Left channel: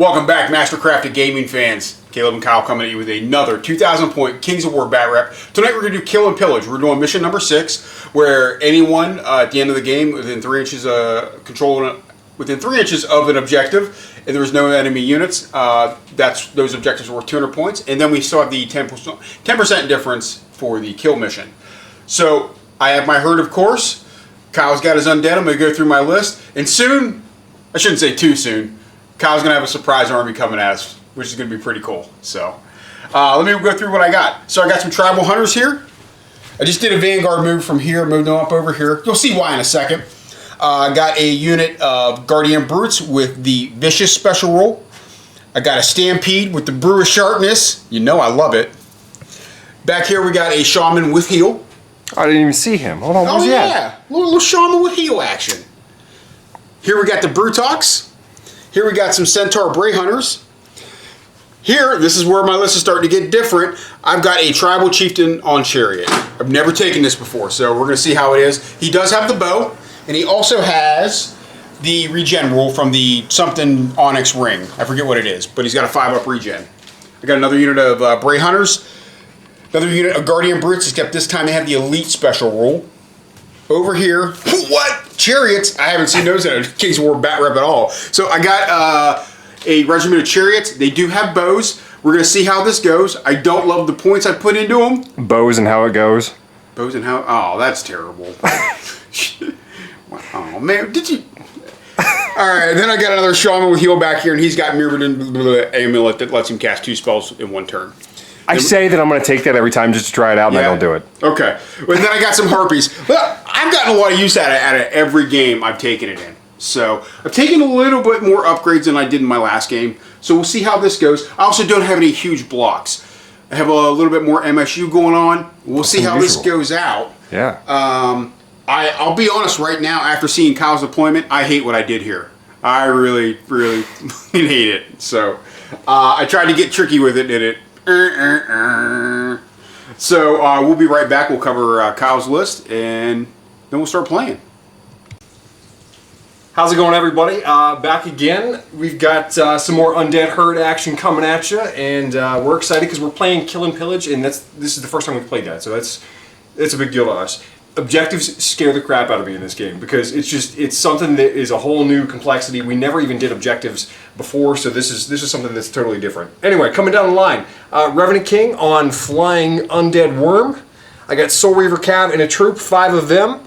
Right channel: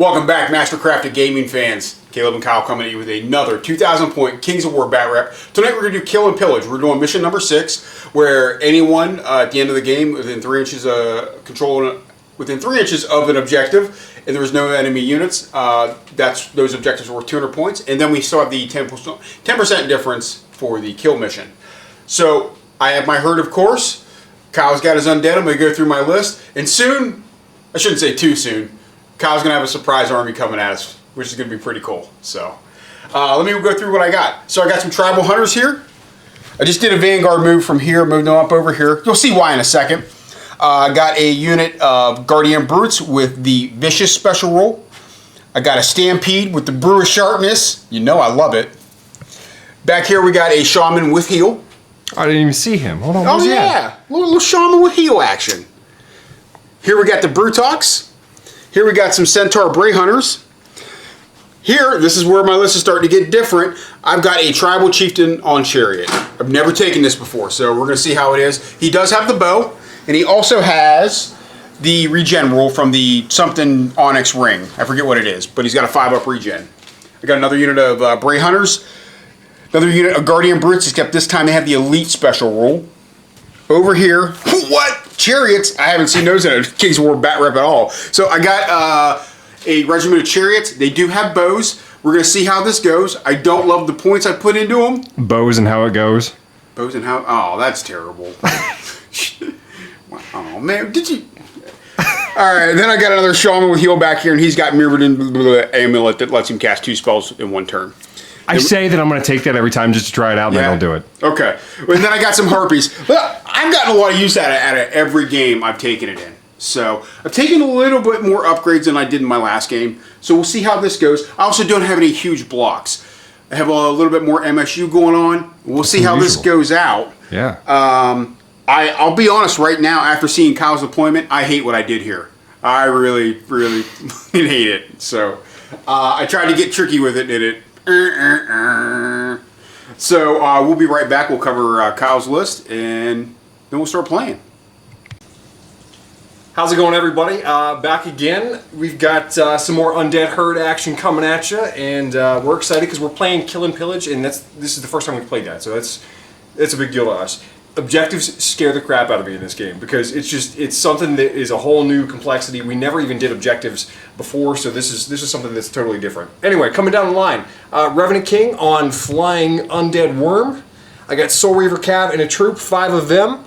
Welcome back, Mastercrafted Gaming fans. Caleb and Kyle coming at you with another 2,000 point Kings of War bat rep. Tonight we're going to do Kill and Pillage. We're doing mission number 6, where anyone at the end of the game within 3 inches within 3 inches of an objective, and there was no enemy units, those objectives were worth 200 points. And then we still have the 10% difference for the kill mission. So I have my herd, of course. Kyle's got his undead. I'm going to go through my list, and soon, I shouldn't say too soon, Kyle's going to have a surprise army coming at us, which is going to be pretty cool. So, let me go through what I got. So I got some tribal hunters here. I just did a vanguard move from here, moved them up over here. You'll see why in a second. I got a unit of guardian brutes with the vicious special roll. I got a stampede with the brew of sharpness. You know I love it. Back here we got a shaman with heal. I didn't even see him. Hold on, oh yeah, little shaman with heal action. Here we got the Brutox. Here we got some Centaur Bray Hunters. Here, this is where my list is starting to get different. I've got a Tribal Chieftain on Chariot. I've never taken this before, so we're going to see how it is. He does have the bow, and he also has the regen rule from the something Onyx Ring. I forget what it is, but he's got a 5-up regen. I got another unit of Bray Hunters. Another unit of Guardian Brutes, except this time they have the Elite Special rule. Over here, what? Chariots, I haven't seen those in a Kings of War bat rep at all. So I got a regiment of chariots. They do have bows. We're going to see how this goes. I don't love the points I put into them. Bows and how it goes. Bows and how... Oh, that's terrible. Oh, man. Did you... All right, then I got another shaman with heal back here, and he's got Mirrored Amulet that lets him cast 2 spells in 1 turn. I say that I'm going to take that every time just to try it out, and then I'll do it. Okay. And then I got some Harpies. Well, I've gotten a lot of use out of every game I've taken it in. So I've taken a little bit more upgrades than I did in my last game. So we'll see how this goes. I also don't have any huge blocks. I have a little bit more MSU going on. We'll see how this goes out. Yeah. I'll be honest right now, after seeing Kyle's deployment, I hate what I did here. I really, really hate it. So I tried to get tricky with it, did it? So we'll be right back. We'll cover Kyle's list, and then we'll start playing. How's it going, everybody? Back again. We've got some more Undead Herd action coming at you, and we're excited because we're playing Kill and Pillage, and this is the first time we've played that, so it's a big deal to us. Objectives scare the crap out of me in this game because it's something that is a whole new complexity. We never even did objectives before, so this is something that's totally different. Anyway, coming down the line, Revenant King on Flying Undead Worm. I got Soul Reaver Cav in a troop, 5 of them.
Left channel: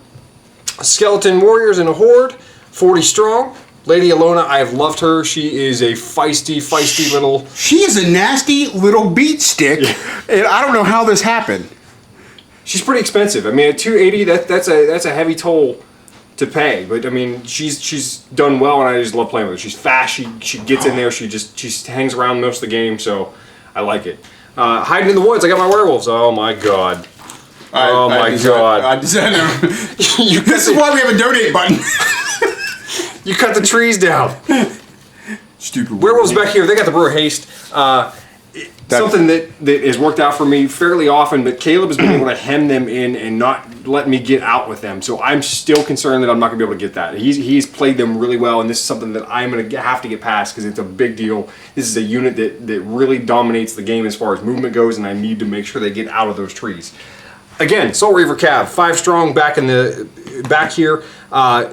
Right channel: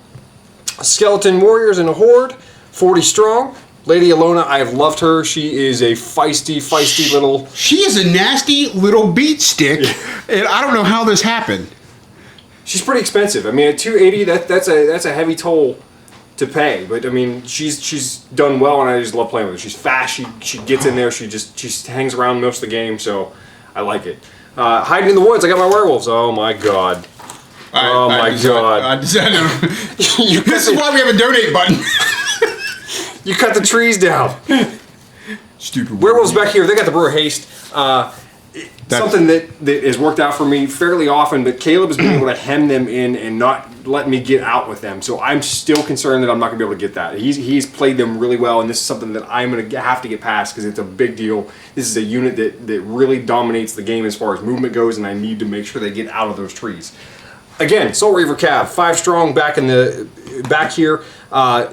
Skeleton Warriors in a horde, 40 strong. Lady Alona, I have loved her. She is a feisty little... She is a nasty little beat stick, and I don't know how this happened. She's pretty expensive. I mean, at 280, that's a heavy toll to pay. But I mean, she's done well, and I just love playing with her. She's fast. She gets in there. She hangs around most of the game, so I like it. Hiding in the woods. I got my werewolves. Oh my god. Oh my god. This is why we have a donate button. You cut the trees down. Stupid werewolves back here. They got the Brewer Haste. Something that has worked out for me fairly often, but Caleb has been able to hem them in and not let me get out with them. So I'm still concerned that I'm not going to be able to get that. He's played them really well, and this is something that I'm going to have to get past because it's a big deal. This is a unit that really dominates the game as far as movement goes, and I need to make sure they get out of those trees. Again, Soul Reaver Cav, 5 strong back here.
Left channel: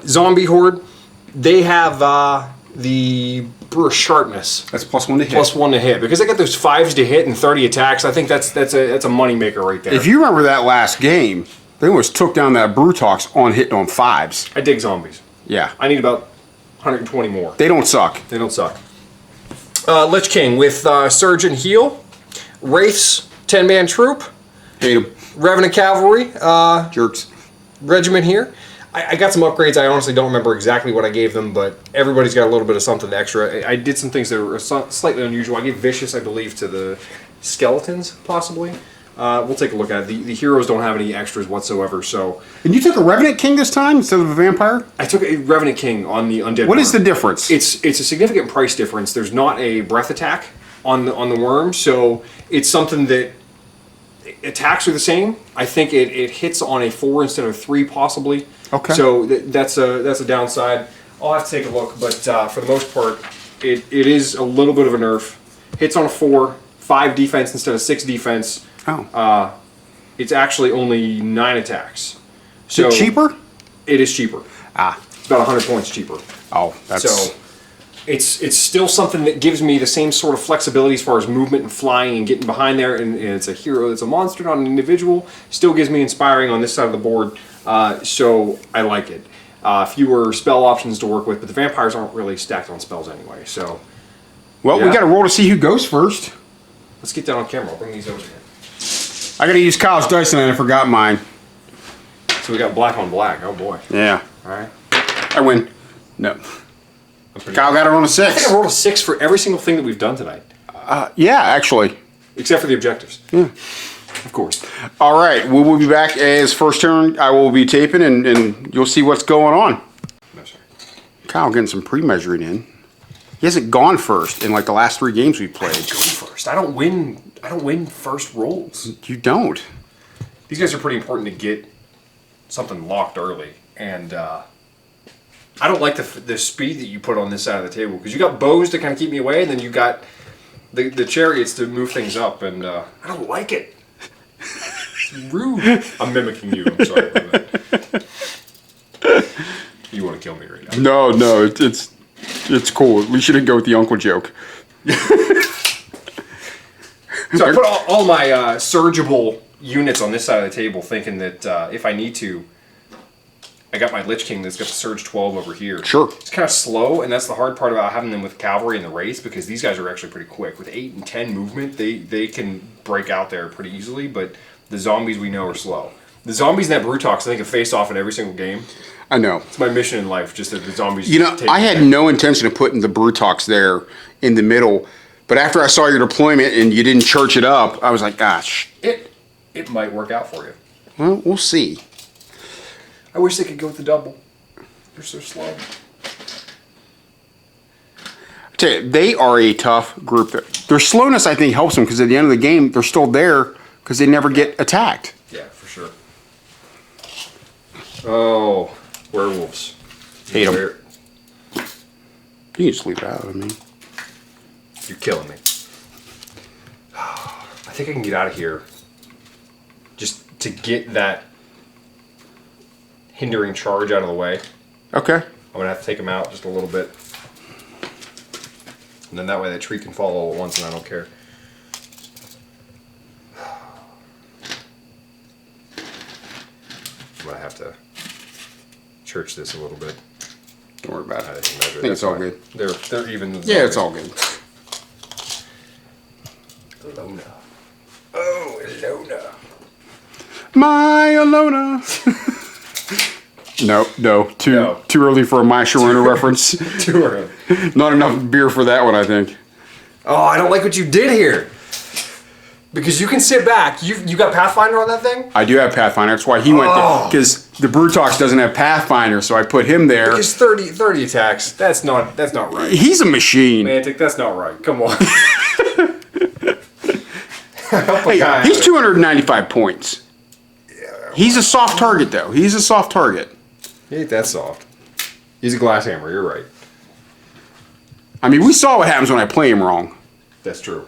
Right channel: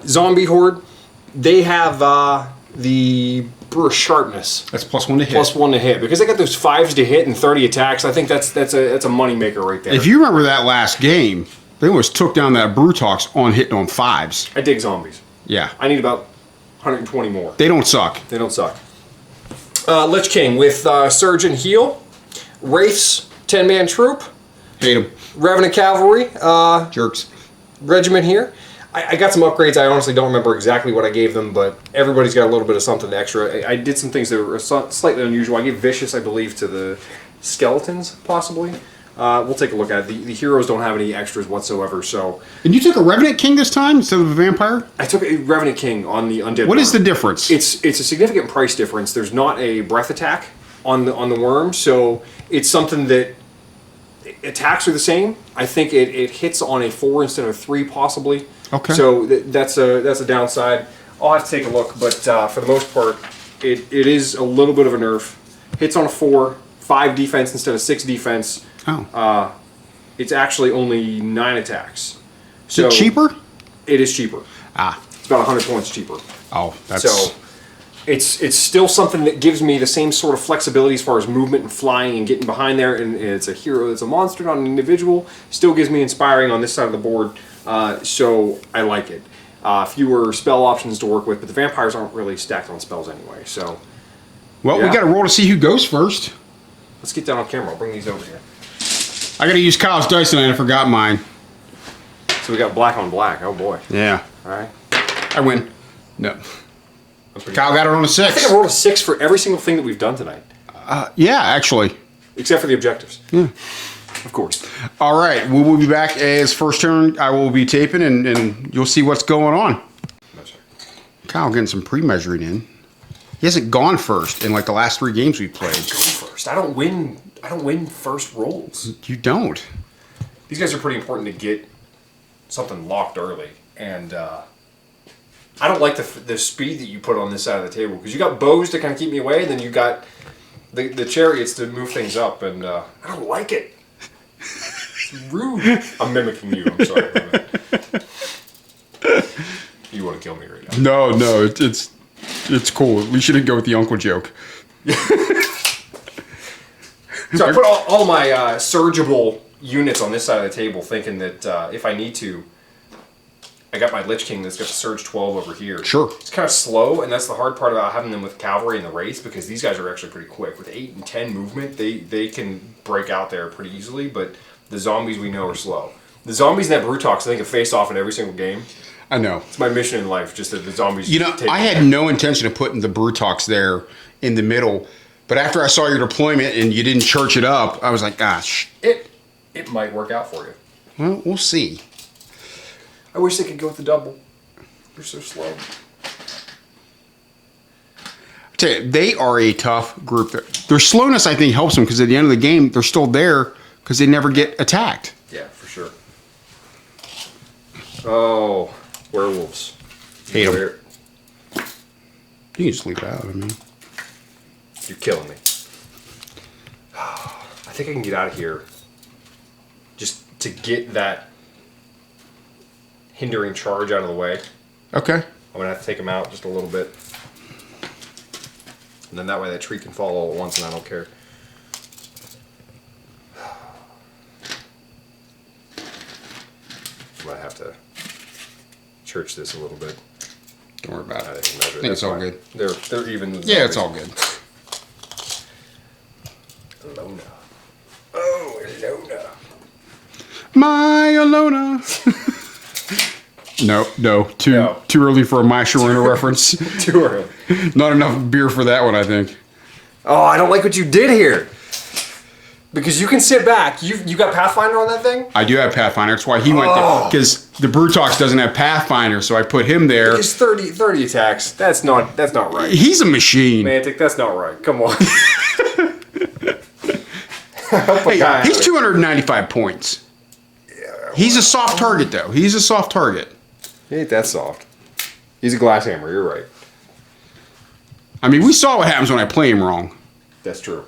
Zombie Horde, they have the Brewer Sharpness. That's +1 to hit. +1 to hit. Because they got those 5s to hit and 30 attacks, I think that's a money maker right there. If you remember that last game, they almost took down that Brutox on hitting on 5s. I dig zombies. Yeah. I need about 120 more. They don't suck. They don't suck. Lich King with Surge and Heal. Wraiths, 10-man troop. Hate them. Revenant Cavalry. Jerks. Regiment here. I got some upgrades. I honestly don't remember exactly what I gave them, but everybody's got a little bit of something extra. I did some things that were slightly unusual. I gave Vicious, I believe, to the Skeletons, possibly. We'll take a look at it. The heroes don't have any extras whatsoever, so... And you took a Revenant King this time instead of a Vampire? I took a Revenant King on the Undead What Worm. is the difference? It's a significant price difference. There's not a breath attack on the worm, so it's something that... Attacks are the same. I think it hits on a 4 instead of a 3, possibly. Okay. So that's a downside. I'll have to take a look, but for the most part, it is a little bit of a nerf. Hits on a 4, 5 defense instead of 6 defense. Oh. It's actually only 9 attacks. So Is it cheaper? It is cheaper. Ah. It's about 100 points cheaper. Oh, that's... So it's still something that gives me the same sort of flexibility as far as movement and flying and getting behind there. And it's a hero, it's a monster, not an individual. Still gives me inspiring on this side of the board. So I like it. Fewer spell options to work with, but the vampires aren't really stacked on spells anyway. So, Well, yeah. we got to roll to see who goes first. Let's get down on camera. I'll bring these over here. I got to use Kyle's dice and I forgot mine. So we got black on black. Oh boy. Yeah. All right. I win. No. I'm pretty Kyle got it on a I think 6. I rolled a 6 for every single thing that we've done tonight, Yeah, actually. except for the objectives. Yeah. Of course. All right, we will be back as first turn. I will be taping, and you'll see what's going on. No, sir. Kyle getting some pre-measured in. He hasn't gone first in like the last 3 games we I played. don't go first. I don't win first rolls. You don't. These guys are pretty important to get something locked early, and I don't like the speed that you put on this side of the table because you got bows to kind of keep me away, and then you got the chariots to move things up, and I don't like it. It's rude. I'm mimicking you. I'm sorry about that. You want to kill me right now? No, it's cool. We shouldn't go with the uncle joke. So I put all my surgible units on this side of the table, thinking that if I need to, I got my Lich King that's got the Surge 12 over here. Sure. It's kind of slow, and that's the hard part about having them with cavalry in the race, because these guys are actually pretty quick. With 8 and 10 movement, they can break out there pretty easily, but the zombies we know are slow. The zombies in that Brutox, I think, have faced off in every single game. I know. It's my mission in life, just that the zombies take I them had down. no intention of putting the Brutox there in the middle, but after I saw your deployment and you didn't church it up, I was like, It might work out for you. well, we'll see. I wish they could go with the double. They're so slow. Tell you, they are a tough group. Their slowness, I think, helps them because at the end of the game, they're still there because they never get attacked. Yeah, for sure. Oh, werewolves. Yeah. Where You can sleep out. I mean. you're killing me. I think I can get out of here. Just to get that hindering charge out of the way. Okay. I'm gonna have to take him out just a little bit. And then that way that tree can fall all at once and I don't care. I'm gonna have to church this a little bit. Don't worry about I it. can measure it. It's That's all fine. good. They're even. With Yeah, it's zombies. all good. Alona. Oh, Alona. My Alona. No. Too early for a My Sharona reference. Too early. Not enough beer for that one, I think. Oh, I don't like what you did here. Because you can sit back. You got Pathfinder on that thing? I do have Pathfinder. That's why he went because the Brutox doesn't have Pathfinder, so I put him there. Because 30 attacks. That's not right. He's a machine. Mantic, that's not right. Come on. Help a guy out. He's here. 295 points. He's a soft target, though. He's a soft target. He ain't that soft. He's a glass hammer. You're right. I mean, we saw what happens when I play him wrong. That's true.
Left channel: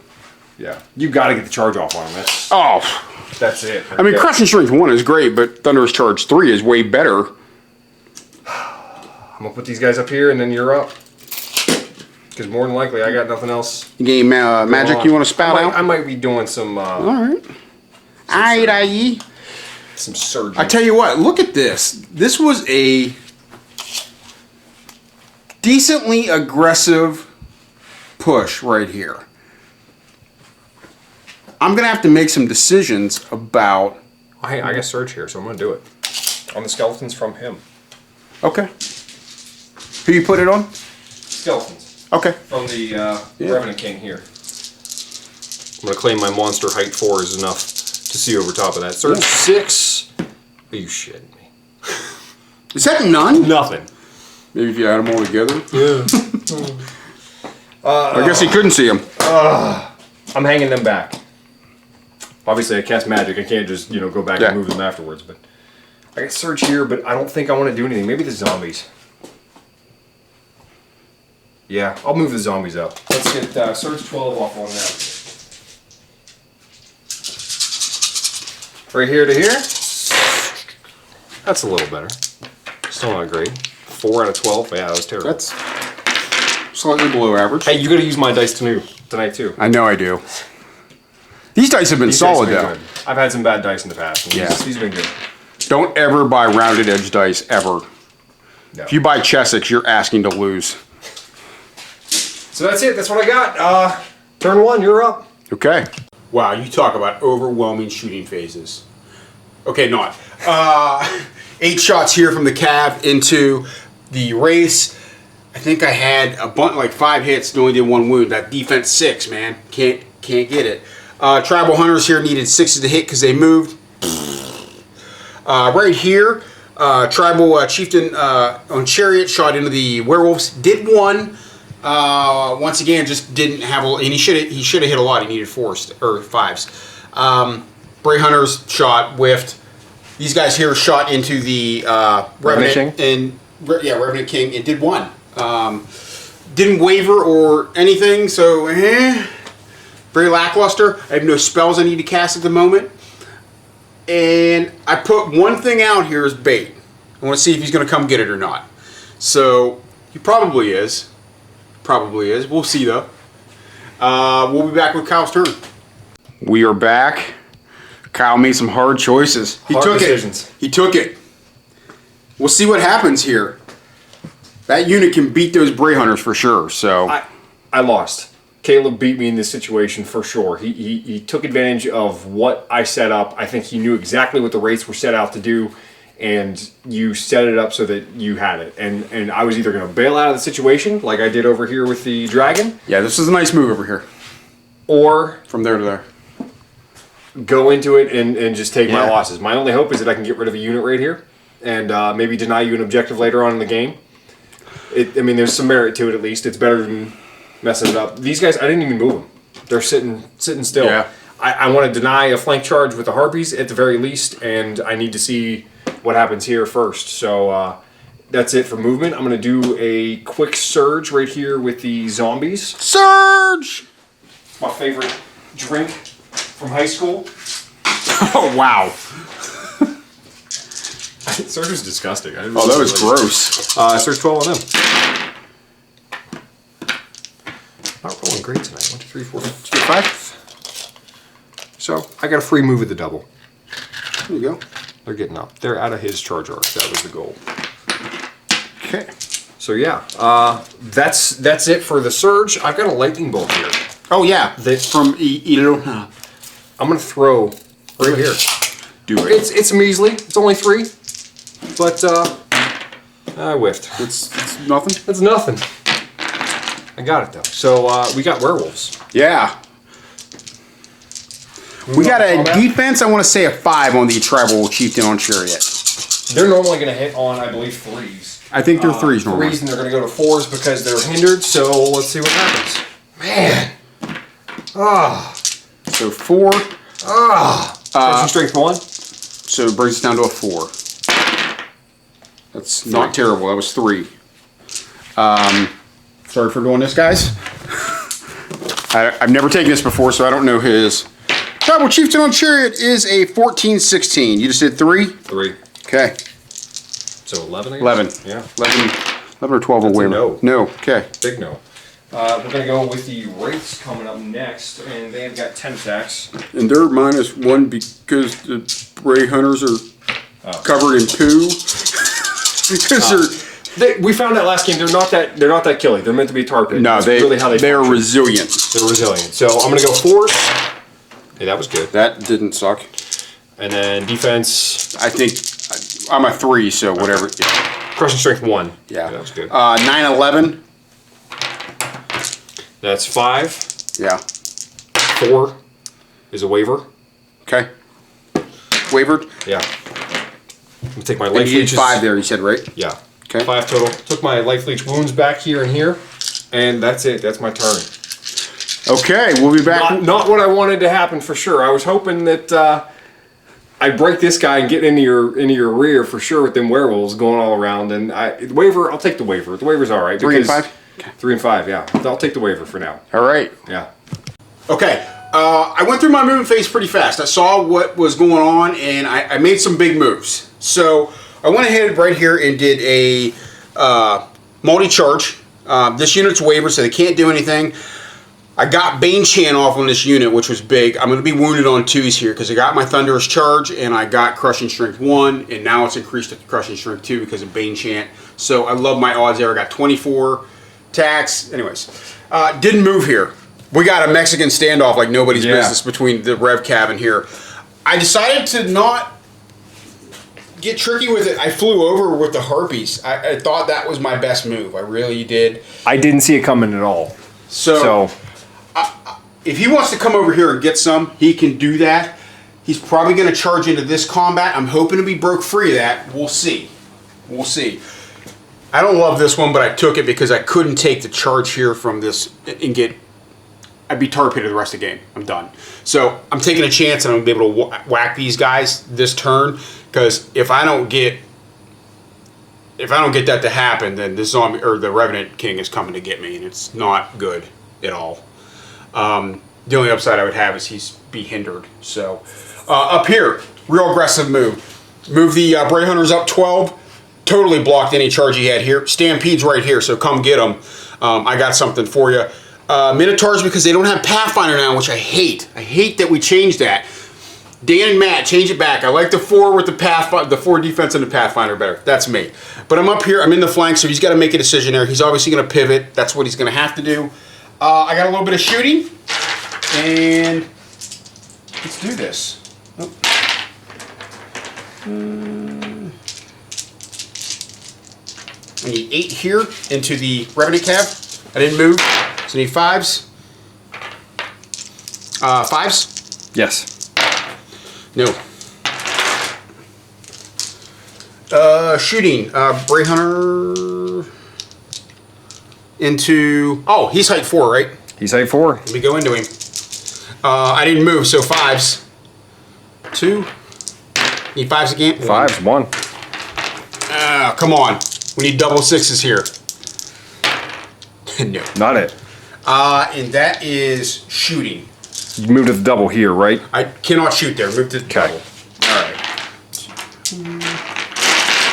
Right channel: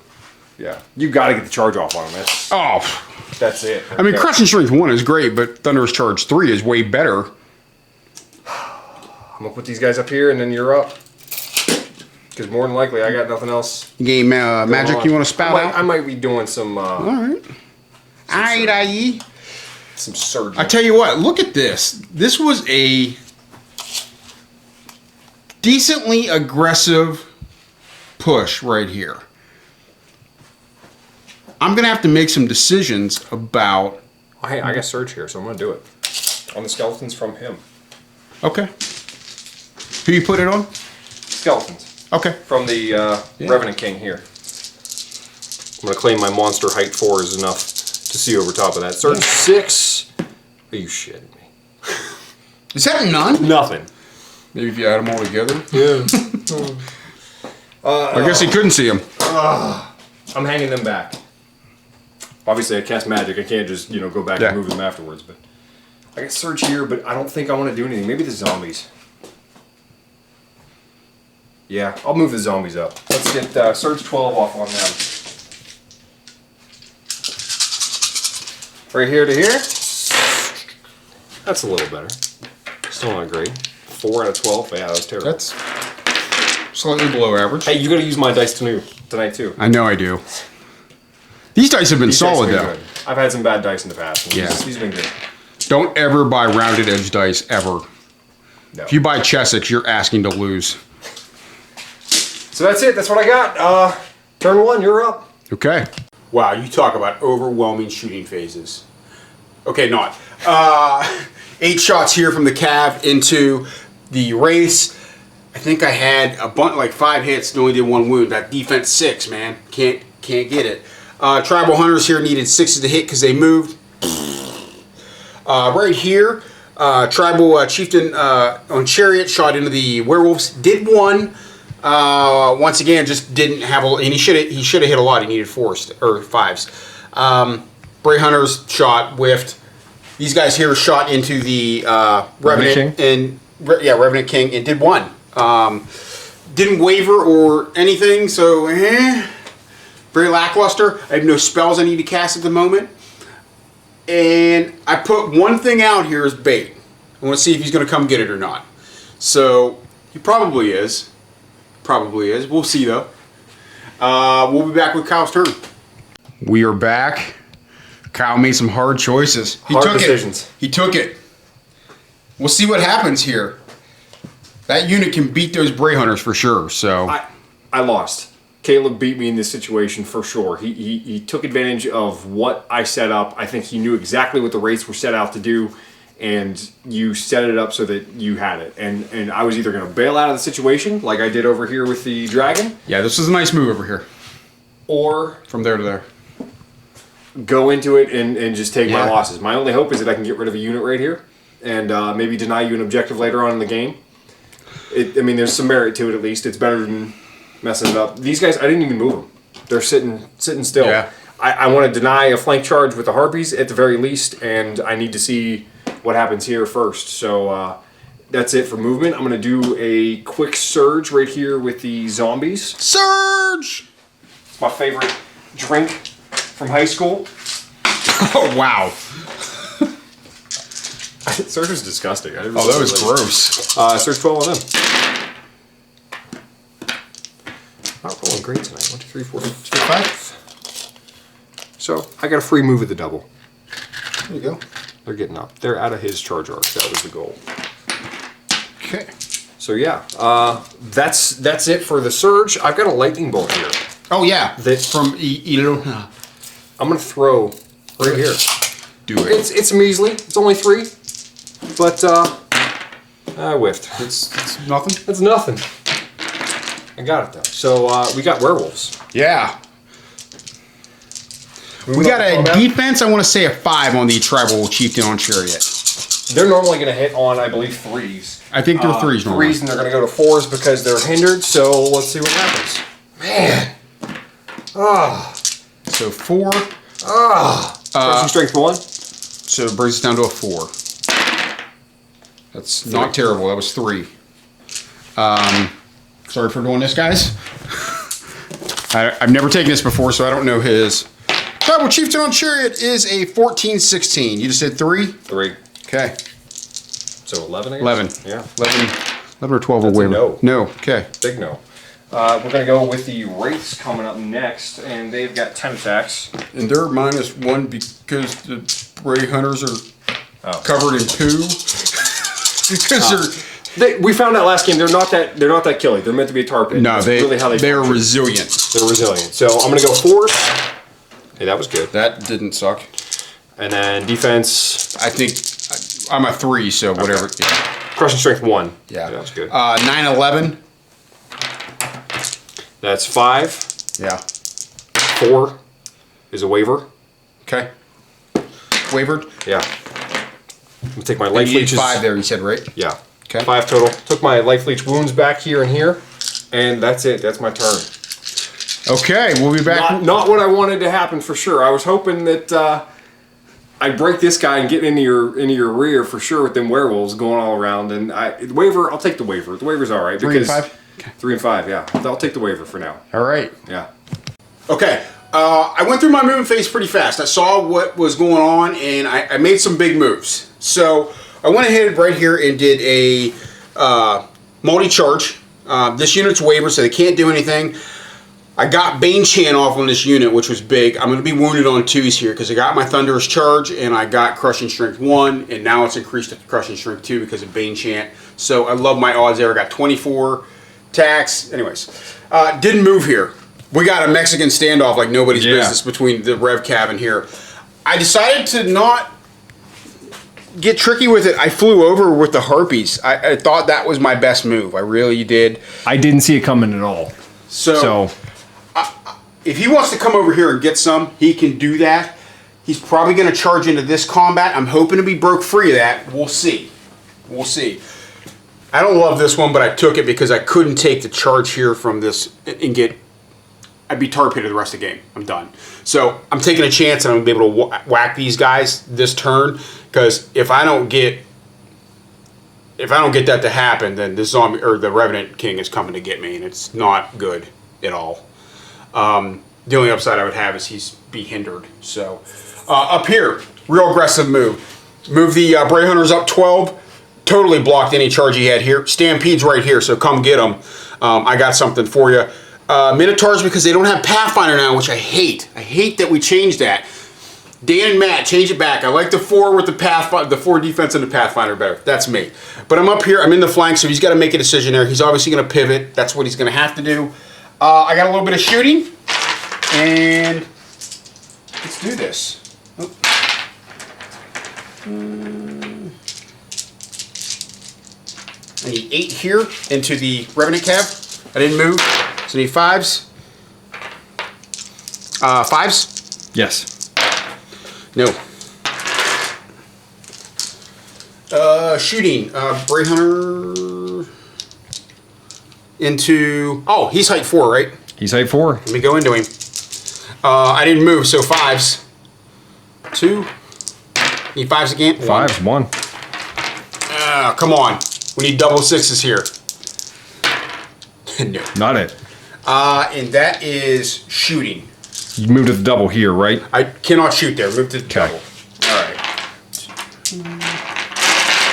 Yeah. You got to get the charge off on him. That's it. Right I mean, there. Crushing Strength 1 is great, but Thunderous Charge 3 is way better. I'm going to put these guys up here, and then you're up. Because more than likely, I got nothing else Game going Magic, on. you want to spell I might be doing some All right. Aye. some surgery. I tell you what, look at this. This was a decently aggressive push right here. I'm going to have to make some decisions about... Hey, I got Surge here, so I'm going to do it. On the skeletons from him. Okay. Who you put it on? Skeletons. Okay. From the Revenant King here. I'm going to claim my monster height 4 is enough to see over top of that. Surge 6. Are you shitting me? Is that none? Nothing. Maybe if you add them all together. Yeah. I guess you couldn't see them. I'm hanging them back. Obviously, I cast magic. I can't just, go back Yeah. and move them afterwards. But I got Surge here, but I don't think I want to do anything. Maybe the zombies. Yeah, I'll move the zombies up. Let's get Surge 12 off on them. Right here to here. That's a little better. Still not great. 4 out of 12. Yeah, that was terrible. That's slightly below average. Hey, you got to use my dice tonight too. I know I do. These dice have been These dice have solid, been though. good. I've had some bad dice in the past. And Yeah. these have been good. Don't ever buy rounded edge dice, ever. No. If you buy Chessex, you're asking to lose. So that's it. That's what I got. Turn 1, you're up. Okay. Wow, you talk about overwhelming shooting phases. Okay, not. 8 shots here from the Cav into the race. I think I had a bunch, like 5 hits, and only did 1 wound. That defense 6, man. Can't get it. Tribal Hunters here needed 6 to hit because they moved. Right here, Tribal Chieftain on Chariot shot into the Werewolves. Did 1. Once again, just didn't have a, and he should have hit a lot. He needed 4s or 5s. Bray Hunters shot, whiffed. These guys here shot into the Revenant and Revenant King and did 1. Didn't waver or anything, so very lackluster. I have no spells I need to cast at the moment, and I put one thing out here as bait. I want to see if he's going to come get it or not. So he probably is. Probably is. We'll see though. We'll be back with Kyle's turn. We are back. Kyle made some hard choices. Hard decisions. He took it. We'll see what happens here. That unit can beat those Bray Hunters for sure. So I lost. Caleb beat me in this situation for sure. He took advantage of what I set up. I think he knew exactly what the rates were set out to do, and you set it up so that you had it. And I was either going to bail out of the situation, like I did over here with the dragon, yeah, this is a nice move over here. or From there to there. go into it and just take my losses. My only hope is that I can get rid of a unit right here and maybe deny you an objective later on in the game. I mean, there's some merit to it at least. It's better than messing it up. These guys, I didn't even move them. They're sitting still. Yeah. I want to deny a flank charge with the Harpies at the very least, and I need to see what happens here first. So that's it for movement. I'm going to do a quick surge right here with the zombies. Surge! It's my favorite drink from high school. Oh, wow. Surge was disgusting. I didn't Oh, that was gross. Surge 12 on them. Not rolling great tonight. 1, 2, 3, 4, 5. So I got a free move at the double. There you go. They're getting up. They're out of his charge arc. That was the goal. Okay. So yeah, that's it for the surge. I've got a lightning bolt here. Oh, yeah. That- From, I'm gonna throw right here. do it. It's measly. It's only 3, but I whiffed. It's nothing? It's nothing. I got it though. So we got werewolves. Yeah. We got a defense, I want to say a 5 on the Tribal Chieftain on Chariot. They're normally going to hit on, I believe, 3s. I think they're 3s normally. 3s, and they're going to go to 4s because they're hindered. So let's see what happens. Man. So 4. Crushing strength 1. So it brings us down to a 4. That's not terrible. That was 3. Sorry for doing this, guys. I've never taken this before, so I don't know his. Tribal Chieftain on Chariot is a 14-16. You just did 3? 3. Okay. So 11, I guess? 11. Yeah. 11 or 12 That's will a win. no. No. Okay. Big no. We're going to go with the Wraiths coming up next, and they've got 10 attacks. And they're -1 because the Bray Hunters are covered in poo. We found that last game. They're not that killy. They're meant to be a tar pit. No, That's really how they are function. resilient. They're resilient. So I'm going to go 4s. Hey, that was good. That didn't suck. And then defense. I think I'm a 3, so whatever. Okay. Crushing strength 1. Yeah. That was good. 9-11. That's 5. Yeah. 4 is a waiver. Okay. Wavered. Yeah. I'm going to take my life You need leeches. 5 there, you said, right? Yeah. Okay. 5 total. Took my life leech wounds back here and here. And that's it. That's my turn. Okay, we'll be back. Not what I wanted to happen for sure. I was hoping that I'd break this guy and get into your rear for sure with them werewolves going all around. And the waiver, I'll take the waiver. The waiver's all right because 3 and 5, yeah. I'll take the waiver for now. All right. Yeah. Okay. I went through my movement phase pretty fast. I saw what was going on, and I made some big moves. So I went ahead right here and did a multi-charge. This unit's waiver, so they can't do anything. I got Bane Chan off on this unit, which was big. I'm going to be wounded on 2s here because I got my Thunderous Charge and I got Crushing Strength 1, and now it's increased to Crushing Strength 2 because of Bane Chant. So I love my odds there. I got 24 attacks. Anyways, didn't move here. We got a Mexican standoff like nobody's business between the Rev cabin here. I decided to not get tricky with it. I flew over with the Harpies. I thought that was my best move. I really did. I didn't see it coming at all. So if he wants to come over here and get some, he can do that. He's probably going to charge into this combat. I'm hoping to be broke free of that. We'll see. We'll see. I don't love this one, but I took it because I couldn't take the charge here from this and get... I'd be tar pitted the rest of the game. I'm done. So I'm taking a chance and I'm going to be able to whack these guys this turn, because if I don't get that to happen, then the zombie or the Revenant King is coming to get me, and it's not good at all. The only upside I would have is he's be hindered. So up here, real aggressive move. Move the Bray Hunters up 12. Totally blocked any charge he had here. Stampede's right here, so come get him. I got something for you. Minotaurs, because they don't have Pathfinder now, which I hate. I hate that we changed that. Dan and Matt, change it back. I like the 4 with the 4 defense and the Pathfinder better. That's me. But I'm up here. I'm in the flank, so he's got to make a decision there. He's obviously going to pivot. That's what he's going to have to do. I got a little bit of shooting, and let's do this. Oh. I need 8 here into the Revenant Cab. I didn't move. So I need 5s. 5s? Yes. No. Shooting. Bray Hunter into... Oh, he's height 4, right? He's height 4. Let me go into him. I didn't move, so 5s. 2. Need 5s again? 1. 1. Come on. We need double 6s here. No. Not it. And that is shooting. You moved to the double here, right? I cannot shoot there. Move to the double.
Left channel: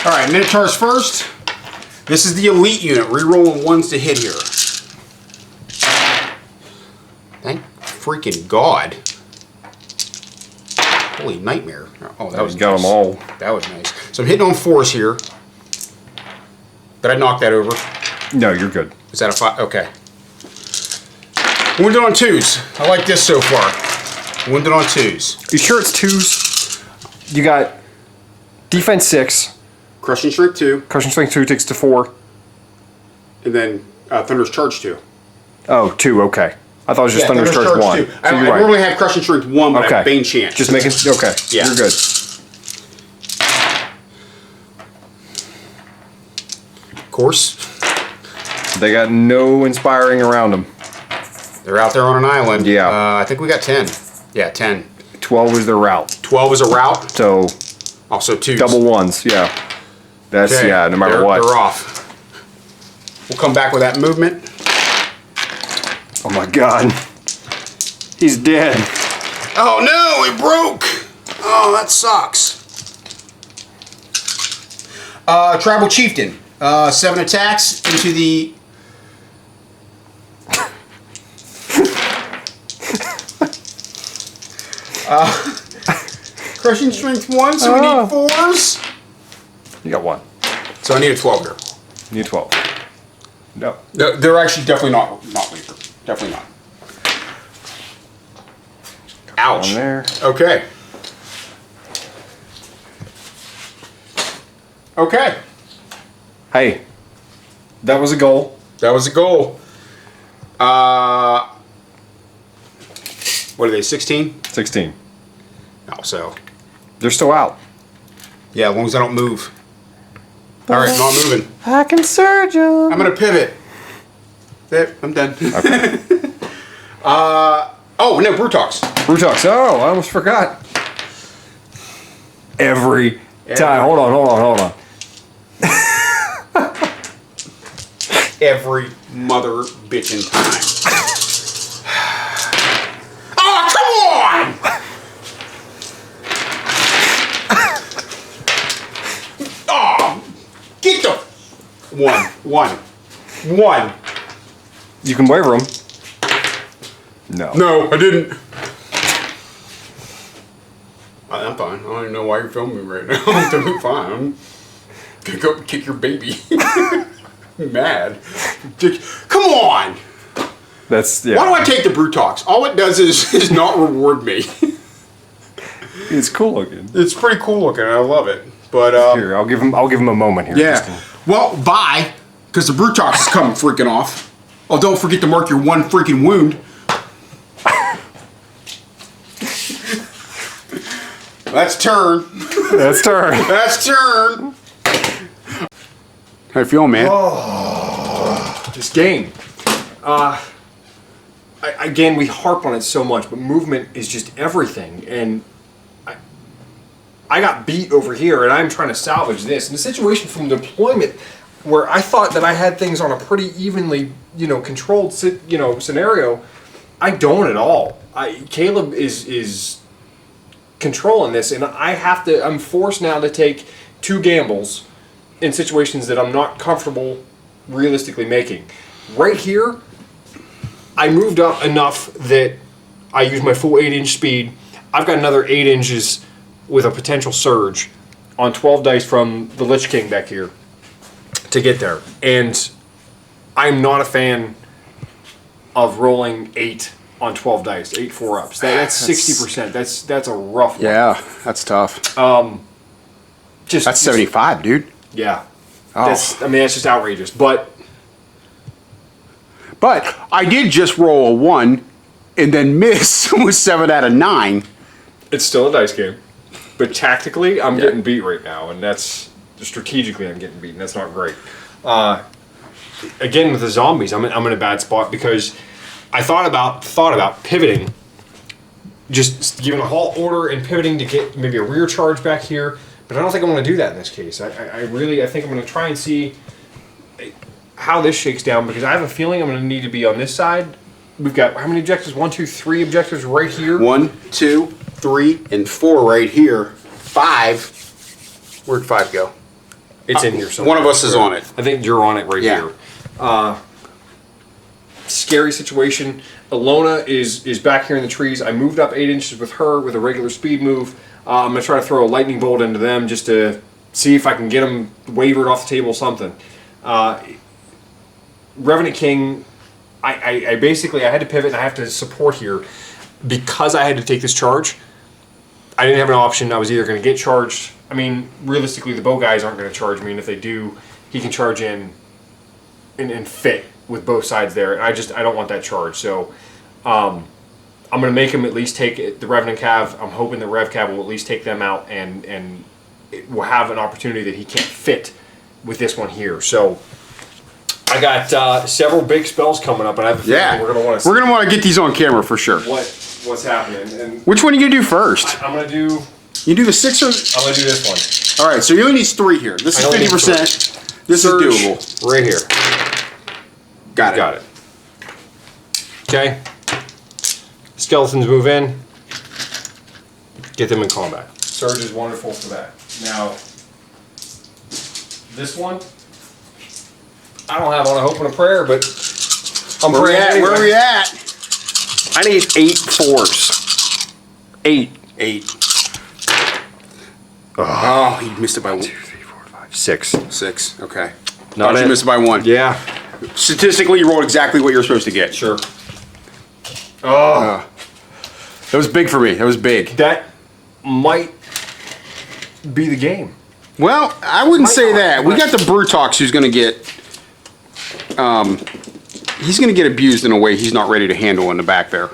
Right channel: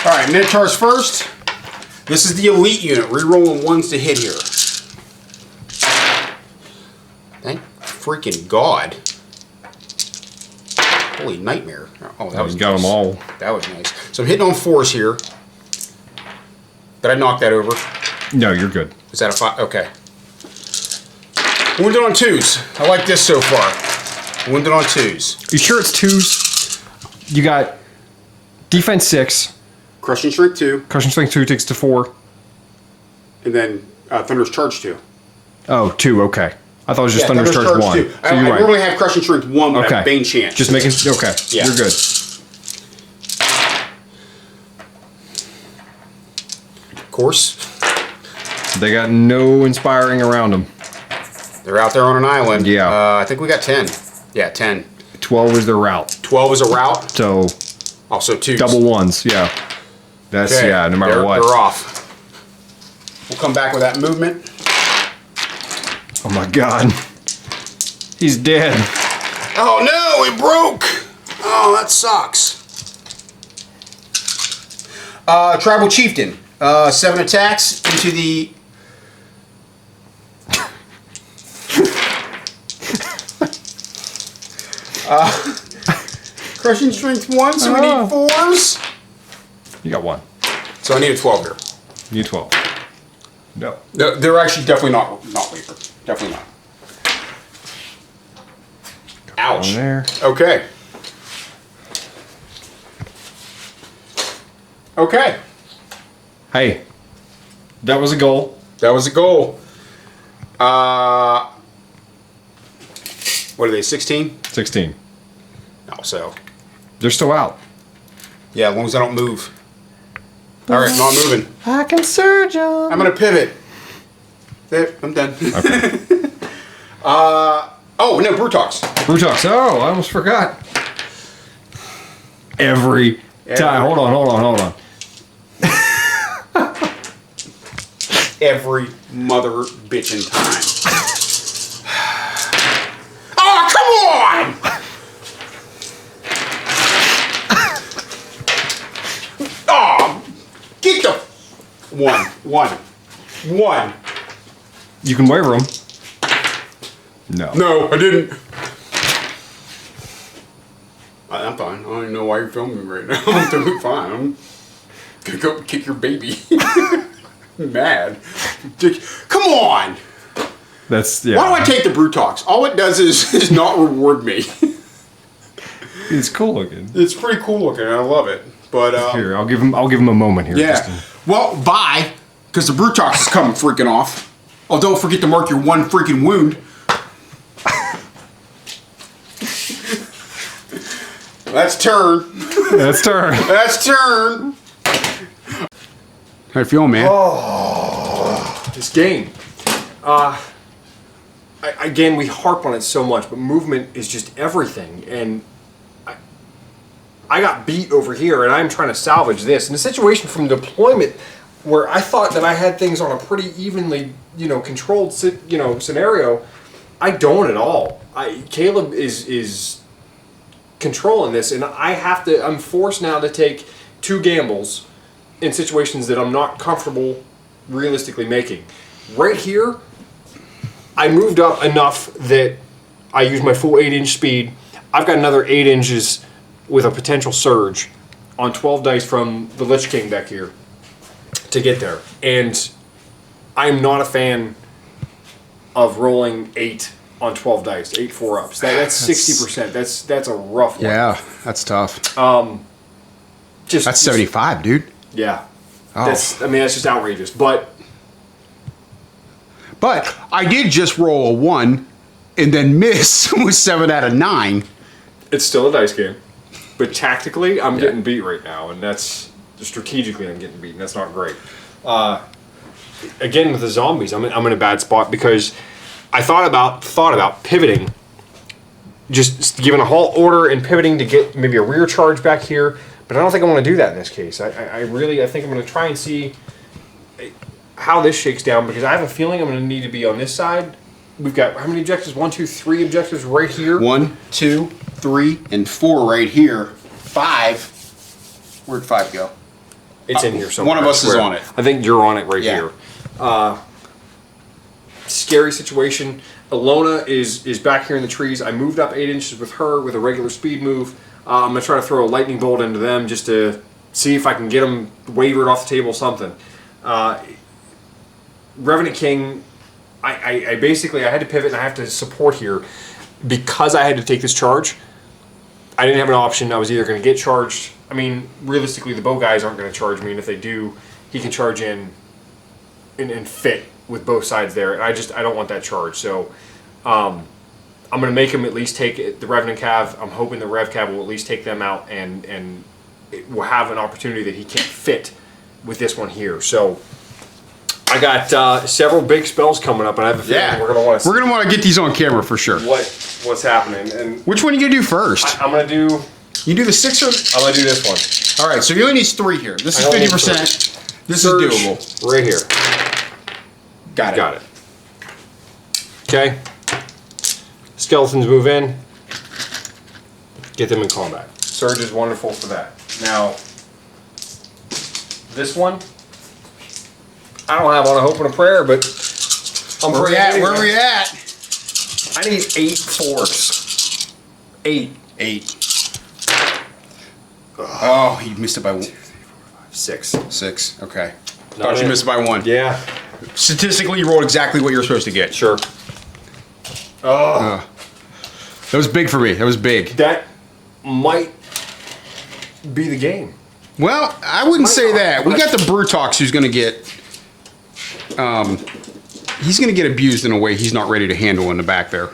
All right, Minotaurs first. This is the elite unit. Rerolling 1s to hit here. Thank freaking God. Holy nightmare. Oh, that was got nice. them all. That was nice. So I'm hitting on 4s here. Did I knock that over? No, you're good. Is that a 5? Okay. Wounded on 2s. I like this so far. Wounded on 2s. You sure it's 2s? You got defense 6. Crushing Strength 2. Crushing Strength 2 takes to 4. And then Thunderous Charge 2. Oh, 2, okay. I thought it was just Thunderous Charge 2. So I normally have Crushing Strength 1, but I have Bane Chant. Just making... Okay. Yeah. You're good. Of course. They got no inspiring around them. They're out there on an island. Yeah. I think we got 10. Yeah, 10. 12 is their route. 12 is a route. So... Also 2s. Double 1s, yeah. That's, okay. yeah, no matter what. They're off. We'll come back with that movement. Oh my God. He's dead. Oh no, it broke. Oh, that sucks. Tribal Chieftain. 7 attacks into the... Crushing Strength 1, so we need 4s. You got 1. So I need a 12 here. You 12. No. They're actually definitely not waiver. Definitely not. Ouch. Okay. Okay. Hey, that was a goal. That was a goal. What are they, 16? 16. Oh, so. They're still out. Yeah, as long as I don't move. All right, not moving. I can surge you. I'm going to pivot. There, I'm done. Okay. Oh, no, Brutox. Brutox. Oh, I almost forgot. Every time. Hold on. every mother bitchin' time. Oh, come on! Oh, get the one. You can waiver him. No. No, I didn't. I'm fine. I don't even know why you're filming me right now. I'm totally fine. I'm gonna go kick your baby. Mad. Come on! That's yeah. Why do I take the Brutox? All it does is not reward me. It's cool looking. It's pretty cool looking. I love it. But Here, I'll give him a moment here. yeah. Well, bye, because the Brutox is coming freaking off. Oh, don't forget to mark your one freaking wound. That's turn. That's turn. That's turn. How you feeling, man? This game. Again, we harp on it so much, but movement is just everything. And I got beat over here, and I'm trying to salvage this. In a situation from deployment where I thought that I had things on a pretty evenly, controlled, scenario, I don't at all. Caleb is controlling this, and I'm forced now to take 2 gambles in situations that I'm not comfortable realistically making. Right here, I moved up enough that I used my full 8-inch speed. I've got another 8 inches with a potential surge on 12 dice from the Lich King back here to get there. And I'm not a fan of rolling 8 on 12 dice, 8 4-ups. That's 60%. That's a rough one. Yeah, that's tough. That's 75, dude. Yeah. Oh. That's just outrageous. But I did just roll a 1 and then miss with 7 out of 9. it's still a dice game. But tactically, I'm getting beat right now, and that's strategically I'm getting beaten. That's not great. Again, with the zombies, I'm in a bad spot because I thought about pivoting, just giving a halt order and pivoting to get maybe a rear charge back here. But I don't think I want to do that in this case. I think I'm going to try and see how this shakes down, because I have a feeling I'm going to need to be on this side. We've got how many objectives? 1, 2, 3 objectives right here. 1, 2, 3, and 4 right here. 5. Where'd 5 go? It's in here somewhere. One of us is on it. I think you're on it right Yeah. here. Scary situation. Alona is back here in the trees. I moved up 8 inches with her with a regular speed move. I'm going to try to throw a lightning bolt into them just to see if I can get them wavered off the table, something. Revenant King, I basically had to pivot and I have to support here because I had to take this charge. I didn't have an option. I was either going to get charged. I mean, realistically, the bow guys aren't going to charge me, and if they do, he can charge in and fit with both sides there. And I don't want that charge. So I'm going to make him at least take the Revenant Cav. I'm hoping the Rev Cav will at least take them out, and it will have an opportunity that he can't fit with this one here. So I got several big spells coming up, and I have a feeling we're going to want to We're gonna want to get these on camera for sure. what's happening. And Which one are you gonna do first? I'm going to do You do the 6 or? I'm going to do this one. All right, so you only need 3 here. This I only need is 50%. This Surge is doable. right here. Got it. Got it. Okay. Skeletons move in. Get them in combat. Surge is wonderful for that. Now, this one, I don't have on a hope and a prayer, but I'm praying anyway. Where are we at? I need 8 4s. 8. 8. Oh, you missed it by 1. 2, 3, 4, 5, 6. 6. Okay. Not You it. missed by 1. Yeah, Statistically, you rolled exactly what you're supposed to get. sure. Oh, That was big for me. That was big. that might be the game. Well, I wouldn't Might say not, that. We but- got the Brutox who's going to get... he's going to get abused in a way he's not ready to handle in the back there.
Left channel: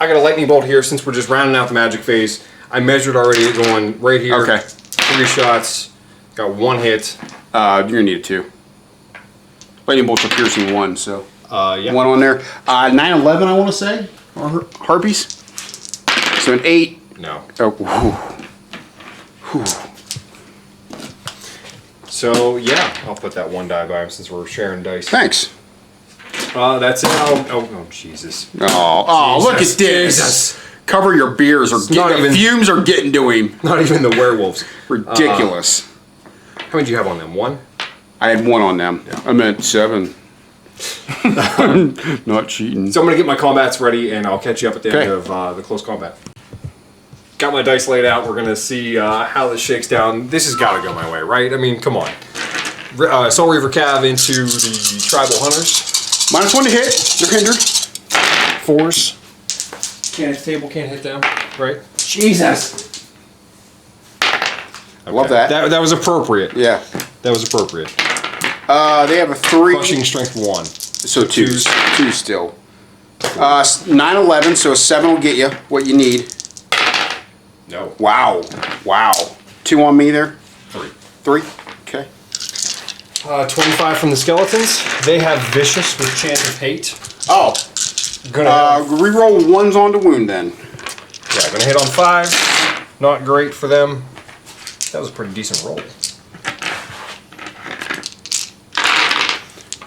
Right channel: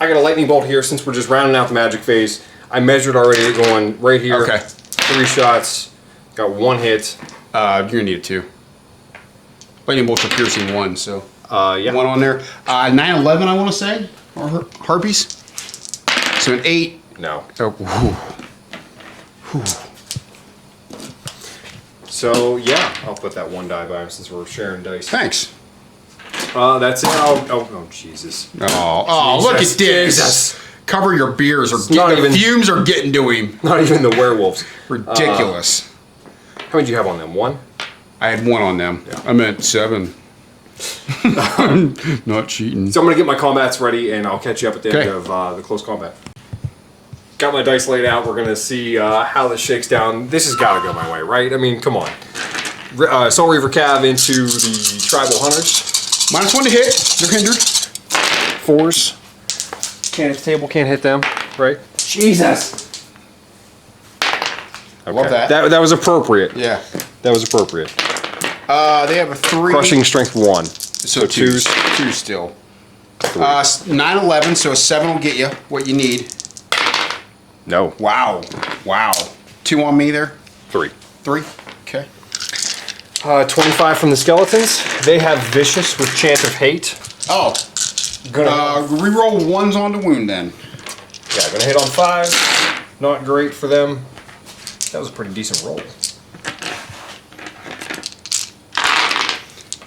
I got a lightning bolt here since we're just rounding out the magic phase. I measured already it going right here. Okay. 3 shots. Got 1 hit. You're going to need 2. Lightning bolts are piercing 1, so... Yeah. 1 on there. 9/11, I want to say, or harpies. So an 8. No. So, whew. So, yeah, I'll put that 1 die by him since we're sharing dice. Thanks. That's it. Oh, Jesus. Oh, look at this. Jesus. Cover your beers, or not even fumes are getting to him. Not even the werewolves. Ridiculous. How many do you have on them? 1? I have 1 on them. Yeah. I'm at 7. Not cheating. So I'm gonna get my combats ready, and I'll catch you up at the end of the close combat. Got my dice laid out. We're gonna see how this shakes down. This has got to go my way, right? I mean, come on. Soul Reaver Cav into the Tribal Hunters. -1 to hit. You're hindered. 4s. Can't hit the table. Can't hit them. Right? Jesus. Okay. Love that. That was appropriate. Yeah. That was appropriate. They have a 3. Crushing strength 1. So 2s. 2 still. 9-11, so a 7 will get you what you need. No. Wow. 2 on me there. 3. 3. Okay. 25 from the skeletons. They have Vicious with Chant of Hate. Oh. Gonna reroll 1s on the wound then. Yeah, gonna hit on 5. Not great for them. That was a pretty decent roll.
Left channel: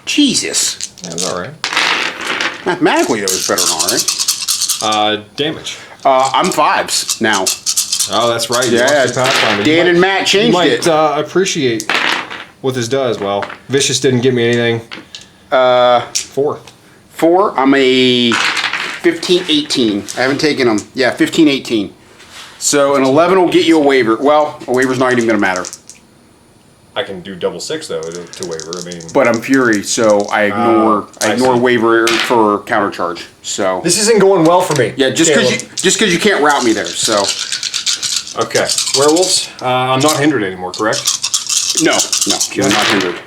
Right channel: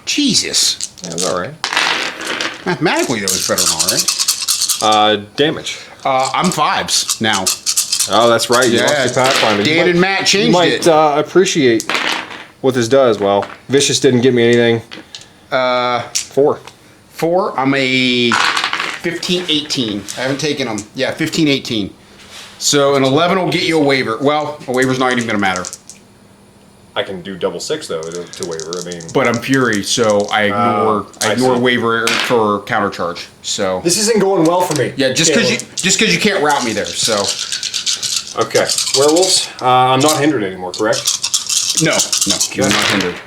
Jesus. That was alright. Mathematically, it was better than alright. Damage. I'm 5s now. Oh, that's right. You lost your Pathfinder. David Matt changed You might appreciate what this does. Well, Vicious didn't get me anything. 4. 4. I'm a 15-18. I haven't taken them. Yeah, 15-18. So an 11 will get you a waiver. Well, a waiver's not even going to matter. I can do double 6 though to waiver. I mean, But I'm Fury, so I ignore I see. waiver for countercharge. So this isn't going well for me. yeah, just because you can't route me there. So okay, werewolves. I'm not hindered anymore, correct? no, you're not hindered.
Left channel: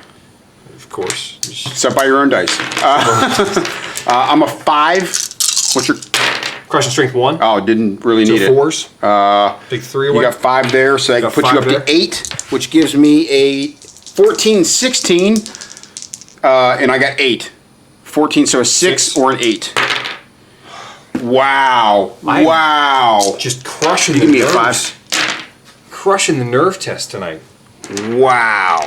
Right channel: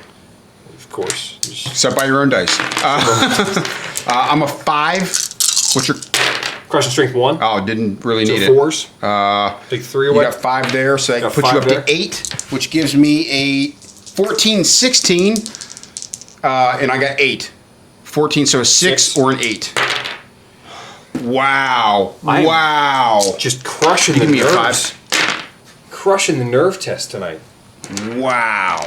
Of course. Except by your own dice. I'm a 5. What's your Crushing strength 1. Oh, didn't really So need 4s. it. Take 3 You away. got 5 there, so that Got puts 5 you up there. to 8, which gives me a 14-16, and I got 8. 14, so a 6 or an 8. Wow! Wow! Just crushing the Give me a nerves. Crushing the nerve test tonight. Wow!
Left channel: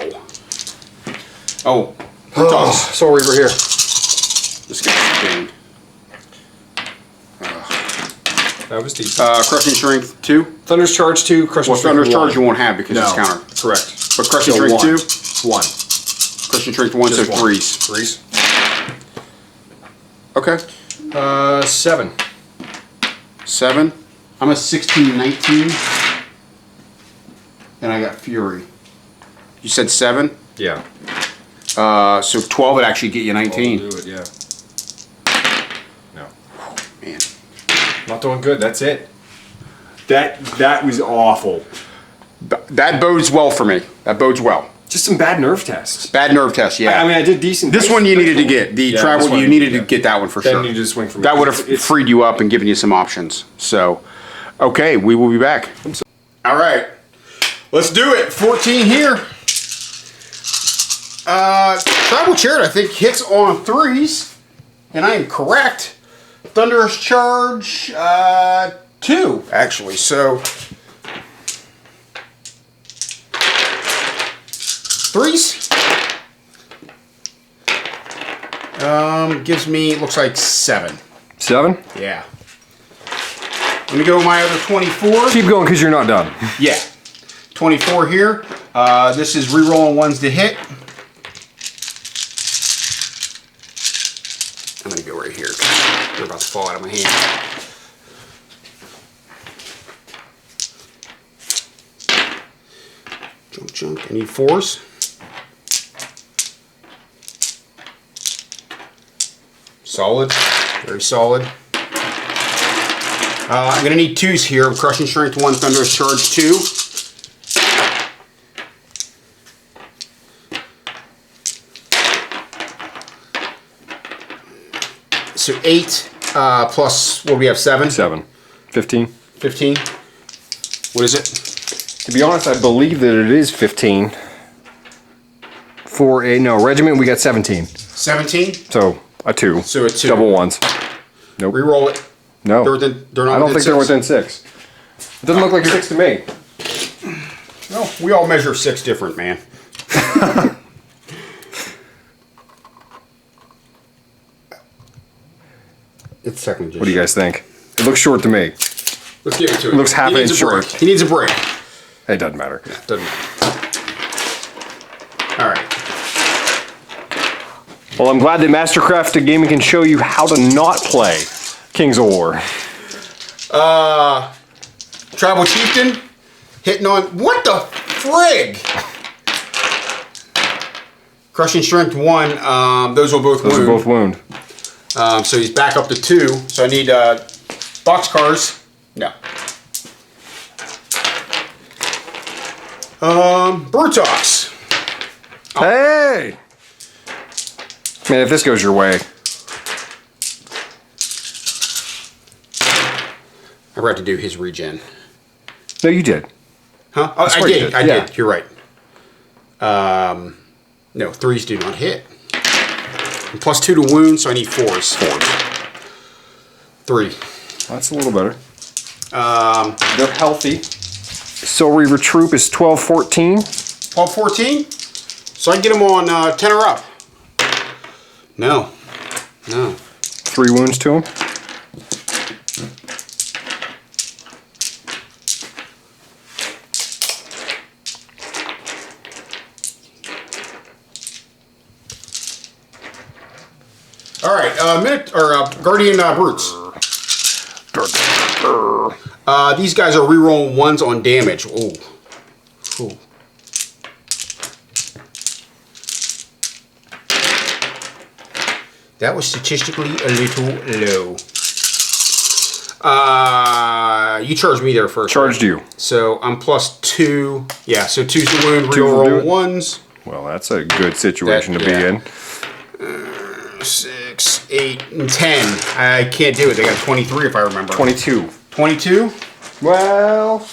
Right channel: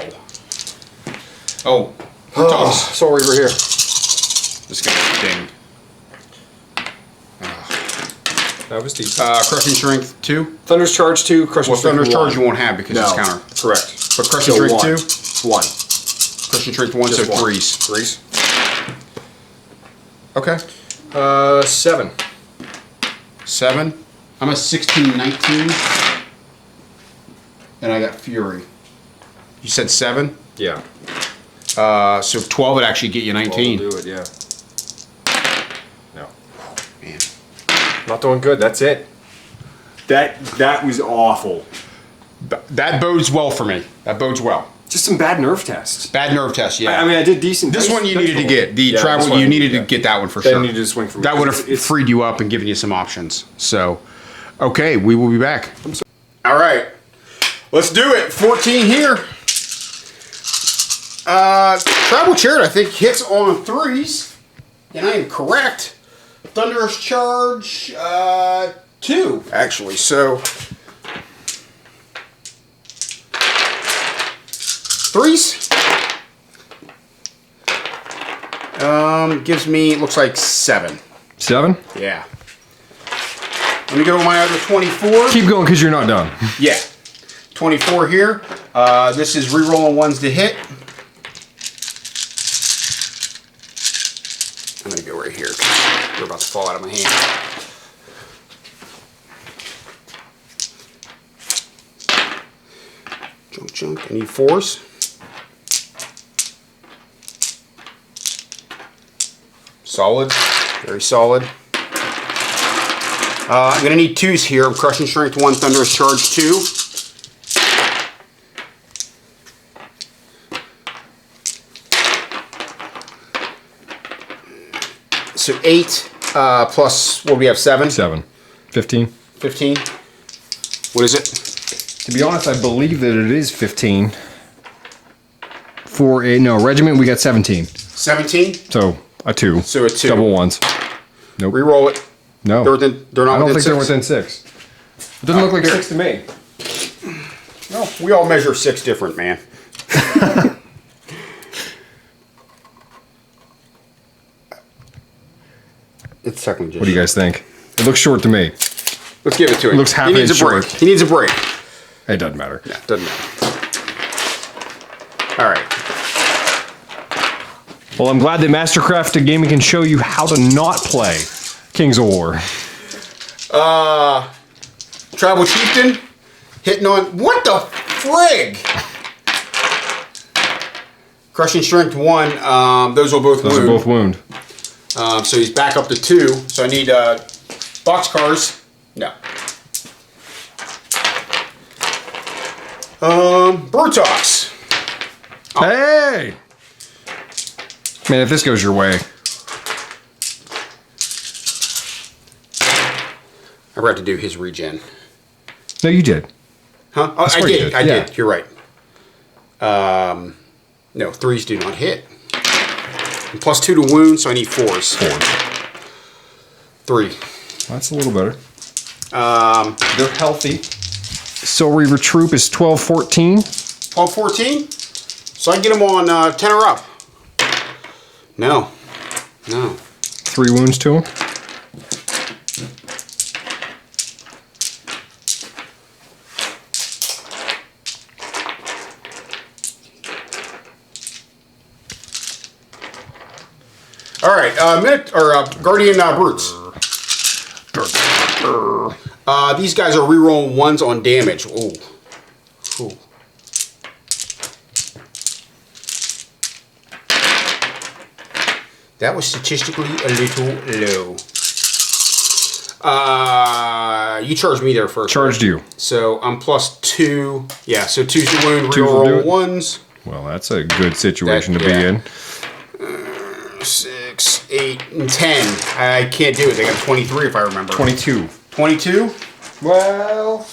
Oh, Soul Reaver here. let's get this game. That was decent. Crushing strength 2. Thunder's Charge 2, Crushing Well, strength Thunder's 1. Charge you won't have because No, it's counter. correct. But Crushing So strength 1. 1. Crushing strength 1 Just so 1. 3s. 3s. Okay. 7. 7. I'm a 16-19. And I got Fury. You said 7? Yeah. So 12 would actually get you 19. We'll do it, yeah. No. Man. Not doing good, that's it. That was awful. That bodes well for me. That bodes well. Just some bad nerve tests. Bad nerve test, yeah. I mean, I did decent. This dice- one you dice needed to roll. get. The Yeah, this travel, one you I needed to yeah. get that one for Then sure. needed to swing for me. That would have freed you up and given you some options. So, okay, we will be back. All right, let's do it. 14 here. Tribal Chariot, I think, hits on 3s, and I am correct. Thunderous Charge 2, actually. So 3s. Gives me, looks like 7. 7? Yeah. Let me go with my other 24. Keep going because you're not done. Yeah. 24 here. This is re-rolling 1s to hit. I'm going to go right here. They're about to fall out of my hand. Junk. I need 4s. Solid. Very solid. I'm going to need 2s here. I'm Crushing Strength 1, Thunderous Charge 2. So 8 plus, what do we have, 7? 7. 15. 15. What is it? To be honest, I believe that it is 15. For a, no, regiment, we got 17. 17? So, a 2. So a 2. Double 1s. Nope. Reroll it. No. They're not I don't within think 6? they're within 6. It doesn't look like 6 to me. No, we all measure 6 different, man. It's technically just What do you guys think? It looks short to me. Let's give it to him. Looks half He needs a inch break. short. He needs a break. It doesn't matter. Yeah, doesn't matter. All right. Well, I'm glad that Mastercraft Gaming can show you how to not play Kings of War. Tribal Chieftain hitting on what the frig? Crushing Strength 1. Those will both Those are wound. both wound. So he's back up to 2. So I need boxcars. No. Brutox. Oh. Hey! Man, if this goes your way. I forgot to do his regen. No, you did. Huh? Oh, I did. I Yeah. did. You're right. No, 3s do not hit. And +2 to wound, so I need 4s. 3. That's a little better. They're healthy. Silvery Troop is 12-14. 12-14? So I can get him on 10 or up. No. No. 3 wounds to him. All right, Guardian Brutes. These guys are rerolling 1s on damage. Ooh. Ooh. That was statistically a little low. You charged me there first. Charged right? you. So I'm +2. Yeah, so 2 to wound, reroll 1s. Well, that's a good situation to be in. 6, 8, and 10. I can't do it. They got 23 if I remember. 22. 22? Well,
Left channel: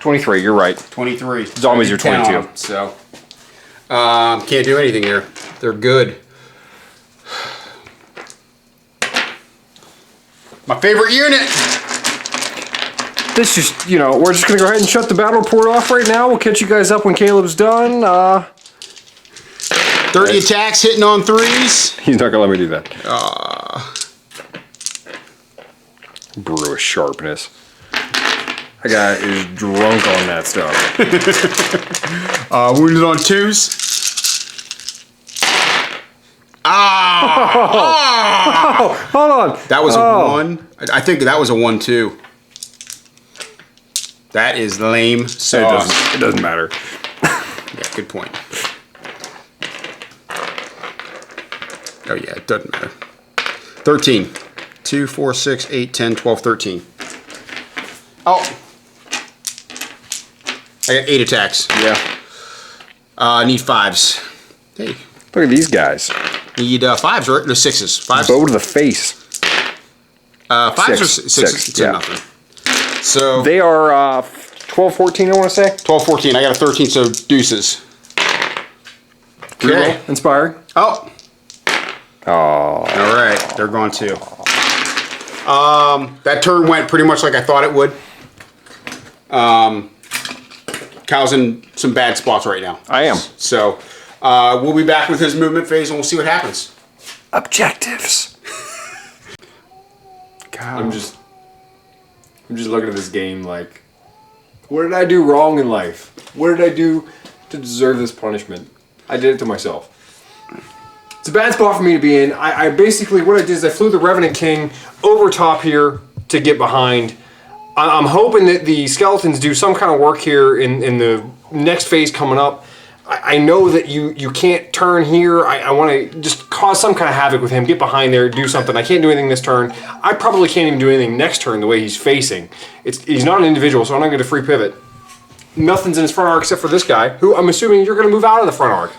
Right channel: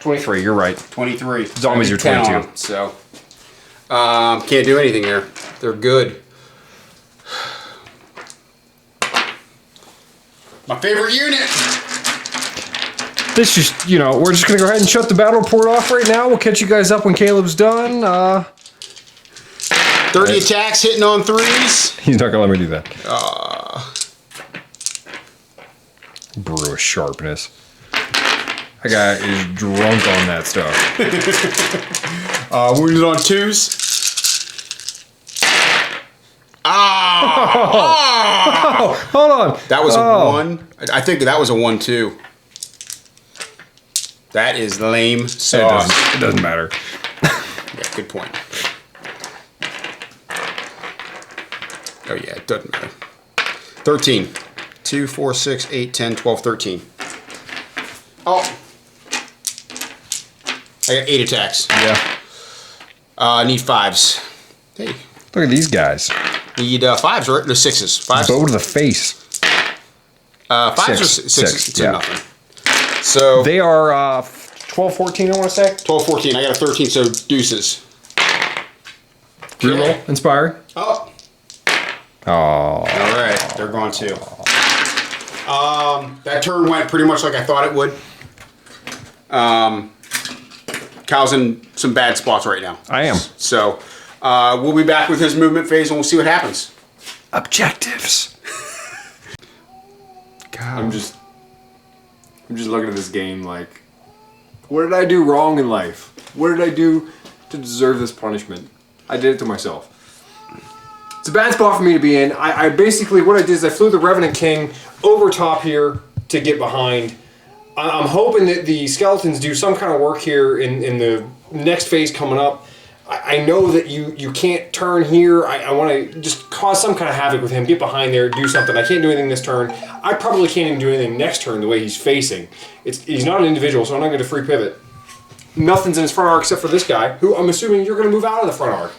23, you're right. 23. It's So I always did your 10 on 22. them. So can't do anything here. They're good. My favorite unit. This is, we're just going to go ahead and shut the battle report off right now. We'll catch you guys up when Caleb's done. 30 attacks hitting on 3s. He's not going to let me do that. Brutal sharpness. I got is drunk on that stuff. Wounded on 2s. Oh, hold on. That was a 1. I think that was a 1-2. That is lame sauce. It doesn't matter. Yeah, good point. Oh yeah, it doesn't matter. 13. 2, 4, 6, 8, 10, 12, 13. Oh. I got 8 attacks. Yeah. I need 5s. Hey. Look at these guys. Need 5s, right? No, 6s. 5s. Bow to the face. 5s or 6s? So yeah. nothing. So They are 12, 14, I want to say. 12, 14. I got a 13, so deuces. Okay. Inspire. Oh. Oh. All right. They're gone too. That turn went pretty much like I thought it would. Kyle's in some bad spots right now. I am. So we'll be back with his movement phase and we'll see what happens. Objectives. I'm just looking at this game like, what did I do wrong in life? What did I do to deserve this punishment? I did it to myself. It's a bad spot for me to be in. I basically, what I did is I flew the Revenant King over top here to get behind. I'm hoping that the skeletons do some kind of work here in the next phase coming up. I know that you can't turn here. I want to just cause some kind of havoc with him, get behind there, do something. I can't do anything this turn. I probably can't even do anything next turn the way he's facing. He's not an individual, so I'm not going to free pivot. Nothing's in his front arc except for this guy, who I'm assuming you're going to move out of the front arc.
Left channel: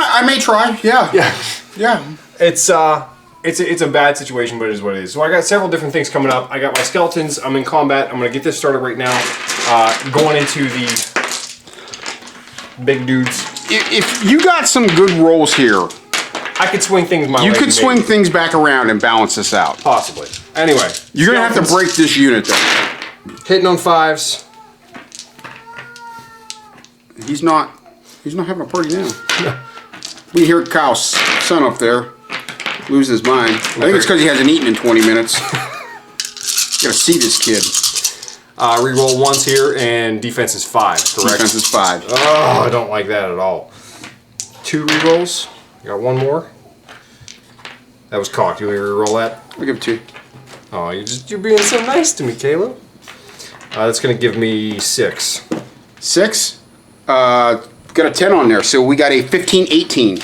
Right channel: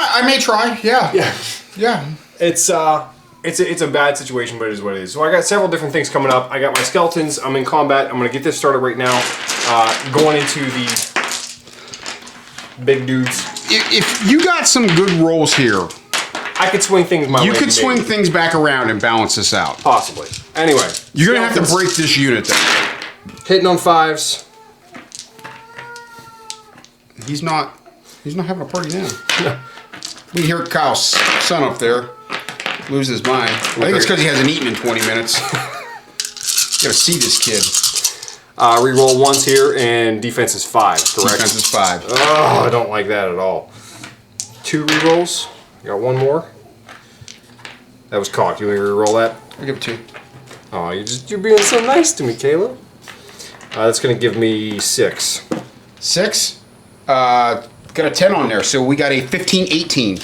I may try. Yeah. Yeah. Yeah. It's a bad situation, but it is what it is. So I got several different things coming up. I got my skeletons. I'm in combat. I'm going to get this started right now. Going into the big dudes. If you got some good rolls here, I could swing things my way. you can maybe. swing things back around and balance this out. Possibly. Anyway. You're going to have to skeletons break this unit though. hitting on 5s. He's not having a party now. We hear Kyle's son up there. lose his mind. I think it's because he hasn't eaten in 20 minutes. Gotta see this kid. Reroll once here, and defense is 5, correct? Defense is 5. Oh, I don't like that at all. 2 rerolls. Got one more. That was cocked. You want me to reroll that? I'll give it 2. Oh, you're being so nice to me, Caleb. That's gonna give me 6. 6. Got a 10 on there, so we got a 15-18.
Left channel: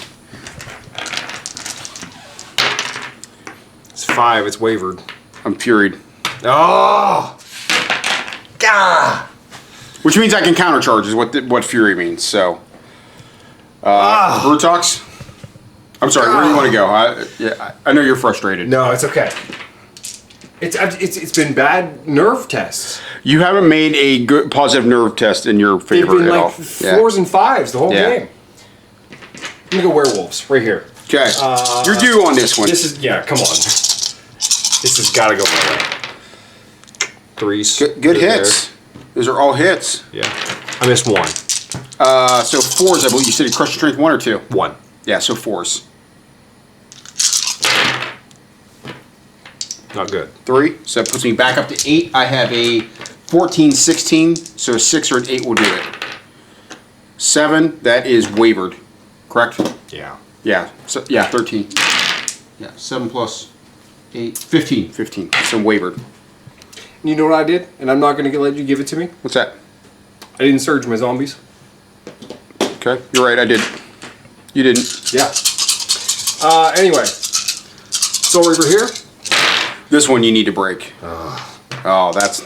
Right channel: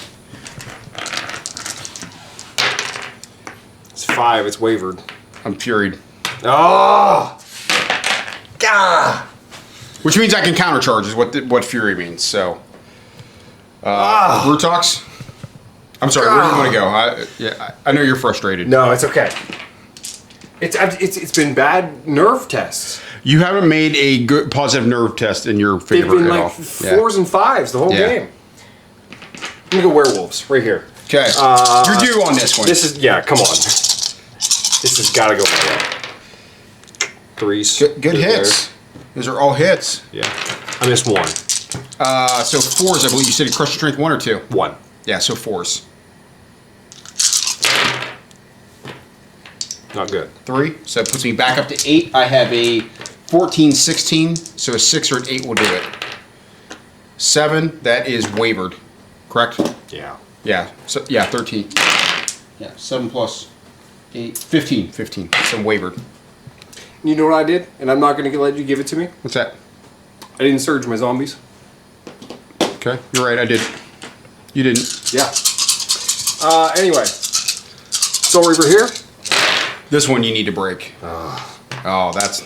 It's 5. It's wavered. I'm furied. Oh! Gah! Which means I can countercharge is what fury means. So, Brutox. I'm sorry. Where do you want to go? I know you're frustrated. No, it's okay. It's been bad nerve tests. You haven't made a good positive nerve test in your. They've been like 4s and 5s the whole game. I'm gonna go werewolves right here. Okay. You're due on this one. This is come on. This has got to go my way. 3s. Good hits. Those are all hits. Yeah. I missed 1. So 4s. I believe you said you crushed strength 1 or 2. 1. Yeah. So 4s. Not good. 3. So that puts me back up to 8. I have a 14-16. So 6 or an 8 will do it. 7. That is wavered. Correct. Yeah. Yeah. So 13. Yeah. 7 plus 8. 15. 15. So wavered. You know what I did? And I'm not going to let you give it to me. What's that? I didn't surge my zombies. Okay. You're right. I did. You didn't. Yeah. Anyway. Soul Reaper here. This one you need to break. Oh, that's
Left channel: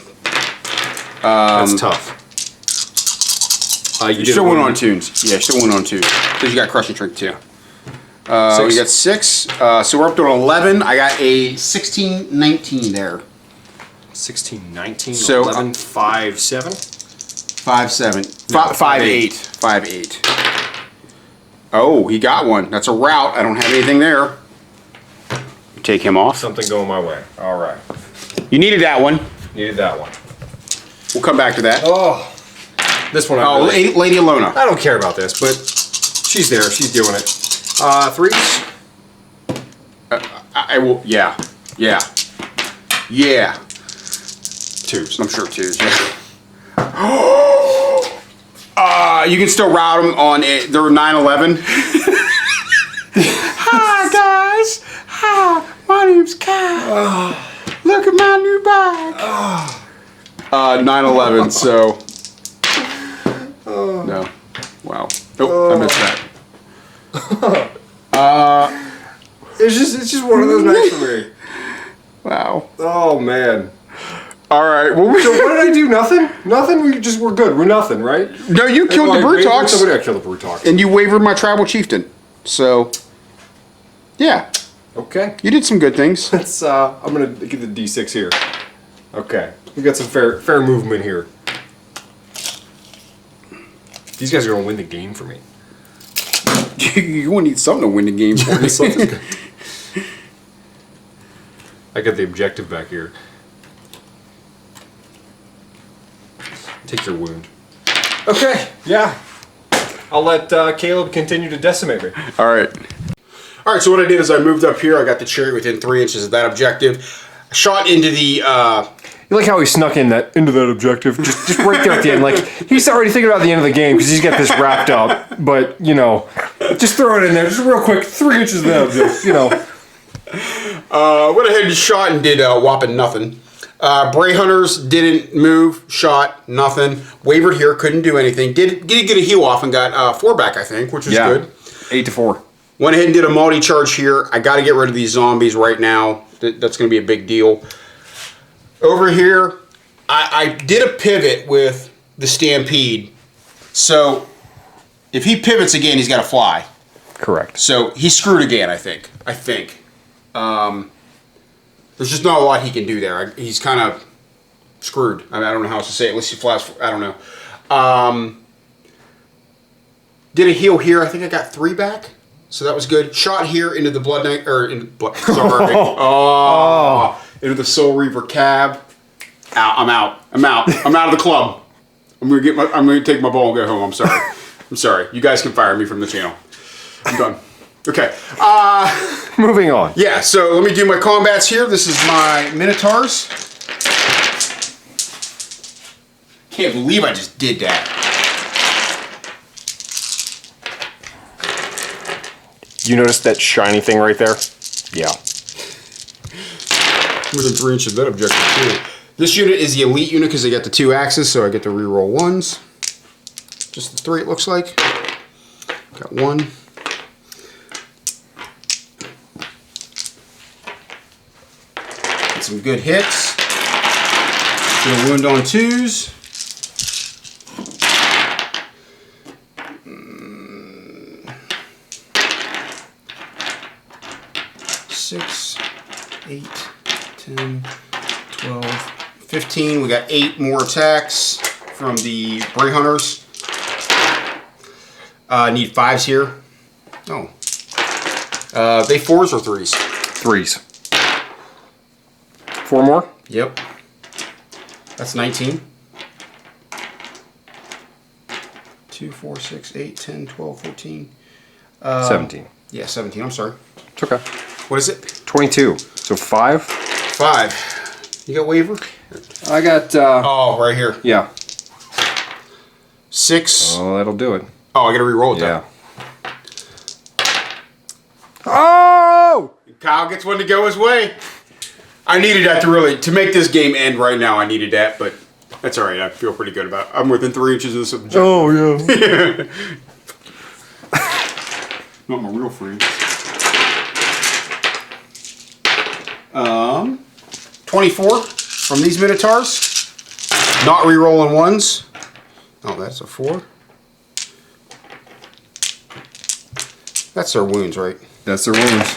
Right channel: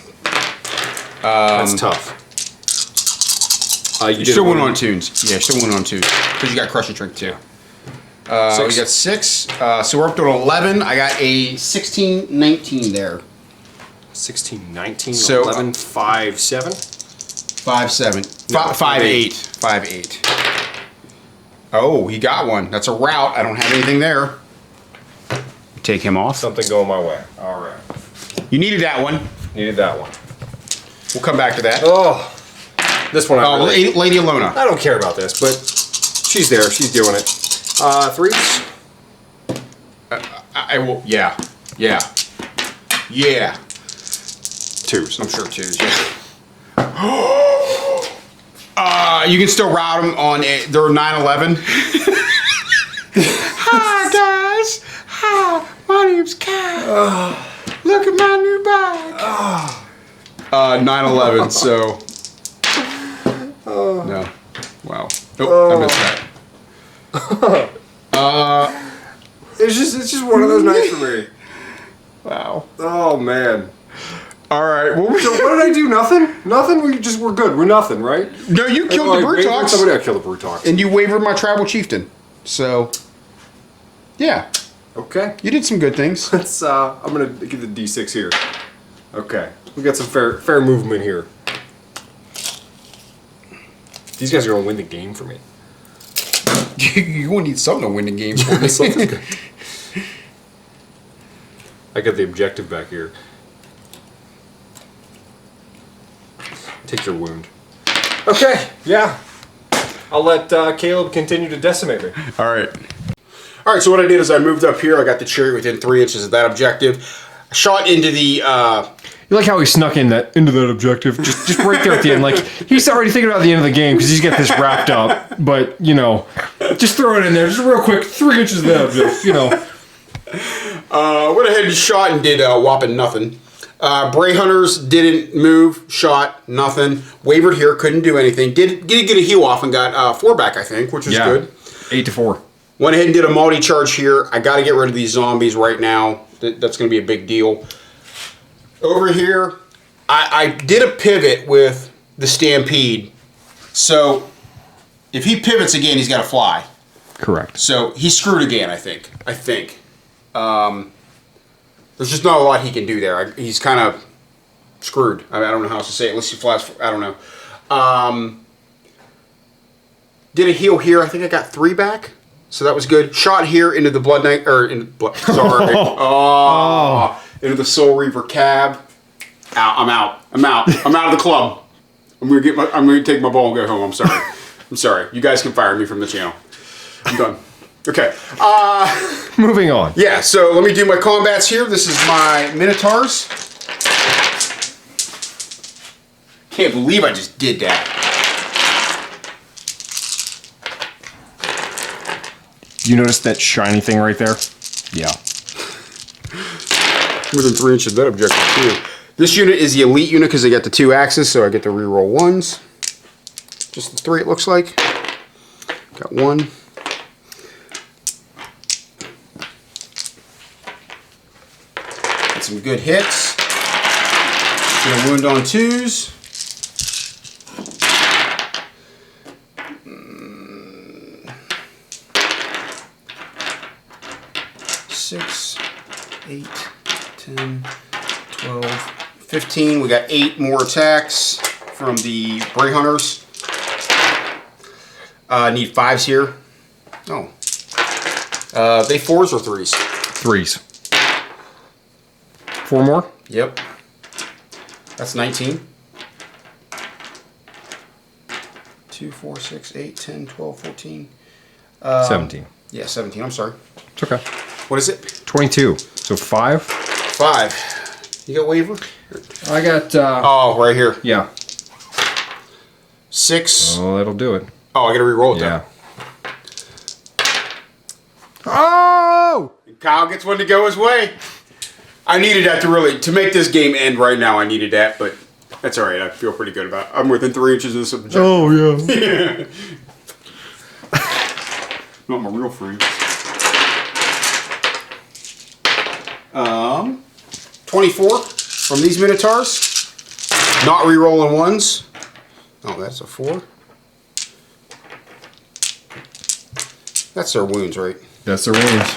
tough. You did still it went on tunes. Yeah, still went on tunes. Because you got Crushing Trick too. Yeah. 6. We We got 6. So we're up to an 11. I got a 16-19 there. 16, 19, So, 11, 5, 7. 5-7. No, 5-8. 5-8. Oh, he got one. That's a route. I don't have anything there. Take him off. Something going my way. All right. You needed that one. Needed that one. We'll come back to that. Oh, this one I really. Lady Alona. I don't care about this, but she's there. She's doing it. 3s. I will. Yeah. Yeah. Yeah. 2s. I'm sure 2s. You can still route them on it. They're 9/11. Hi guys. Hi. My name's Kat. Look at my new bike. 9/11. So. No. Wow. Oh, I missed that. It's just one of those nights for me. Wow. Oh man. All right. So what did I do? Nothing? Nothing? We're good. We're nothing, right? No, you killed Oh, the I wavered Brutox. somebody. I killed the Brutox. And you wavered my tribal chieftain. So, yeah. Okay. You did some good things. Let's. I'm gonna give the D6 here. Okay. We got some fair movement here. These guys are gonna win the game for me. You will need something to win the game. Something's good. I got the objective back here. Take your wound. Okay, yeah. I'll let Caleb continue to decimate me. All right. All right, so what I did is I moved up here. I got the chariot within 3 inches of that objective. I shot into the... You like how he snuck into that objective, just right there at the end. Like he's already thinking about the end of the game because he's got this wrapped up. But just throw it in there, just real quick, 3 inches of that objective. went ahead and shot and did whopping nothing. Bray Hunters didn't move, shot, nothing. Wavered here, couldn't do anything. Did get a heal off and got 4 back, I think, which was good. 8-4. Went ahead and did a multi-charge here. I got to get rid of these zombies right now. That's going to be a big deal. Over here, I did a pivot with the Stampede. So, if he pivots again, he's got to fly. Correct. So, he's screwed again, I think. There's just not a lot he can do there. He's kind of screwed. I don't know how else to say it. Unless he flies, I don't know. Did a heal here. I think I got 3 back. So that was good. Shot here into the Blood Knight, or into Blood, sorry. Into the Soul Reaver cab. I'm out of the club. I'm gonna take my ball and go home. I'm sorry. You guys can fire me from the channel. I'm done. Okay. Moving on. Yeah, so let me do my combats here. This is my Minotaurs. Can't believe I just did that. You notice that shiny thing right there? Yeah. Within 3 inches of that objective too. This unit is the elite unit because they got the 2 axes, so I get to reroll 1s. Just the 3 it looks like. Got 1. Got some good hits. Get a wound on 2s. Six, 8, 10, 12, 15. We got 8 more attacks from the Bray Hunters. Need 5s here. Oh. They 4s or 3s? 3s. 4 more? Yep. That's 19. 2, 4, 6, 8, 10, 12, 14. 17. Yeah, 17. I'm sorry. It's okay. What is it? 22. So 5? 5. You got waiver? I got, Oh, right here. yeah. 6. Well, that'll do it. Oh, I gotta re-roll it Yeah. though. Oh! Kyle gets one to go his way. I needed that to make this game end right now. I needed that, but that's all right. I feel pretty good about it. I'm within 3 inches of this objective. Oh, yeah. Not my real friends. 24 from these Minotaurs. Not re-rolling 1s. Oh, that's a 4. That's their wounds, right? That's the rules.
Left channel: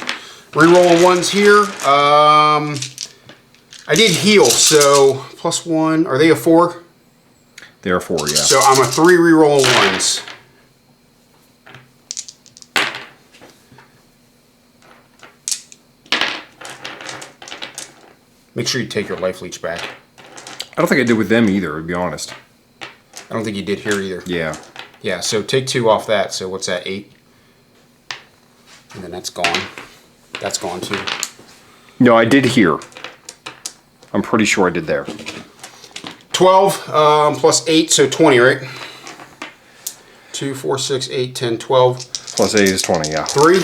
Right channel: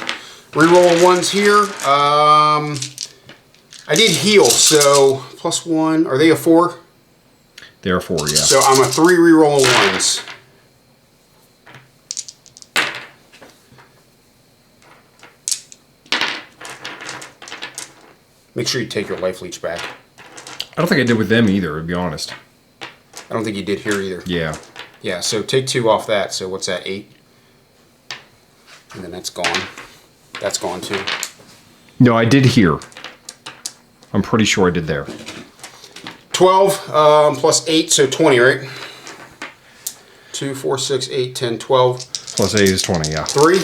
Re-rolling 1s here. I did heal, so +1. Are they a 4? They are 4, yeah. So I'm a 3 re-rolling 1s. Make sure you take your life leech back. I don't think I did with them either, to be honest. I don't think you did here either. Yeah. Yeah, so take 2 off that. So what's that, 8? And then that's gone. That's gone too. No, I did here. I'm pretty sure I did there. 12 plus 8, so 20, right? 2, 4, 6, 8, 10, 12. Plus 8 is 20, yeah. 3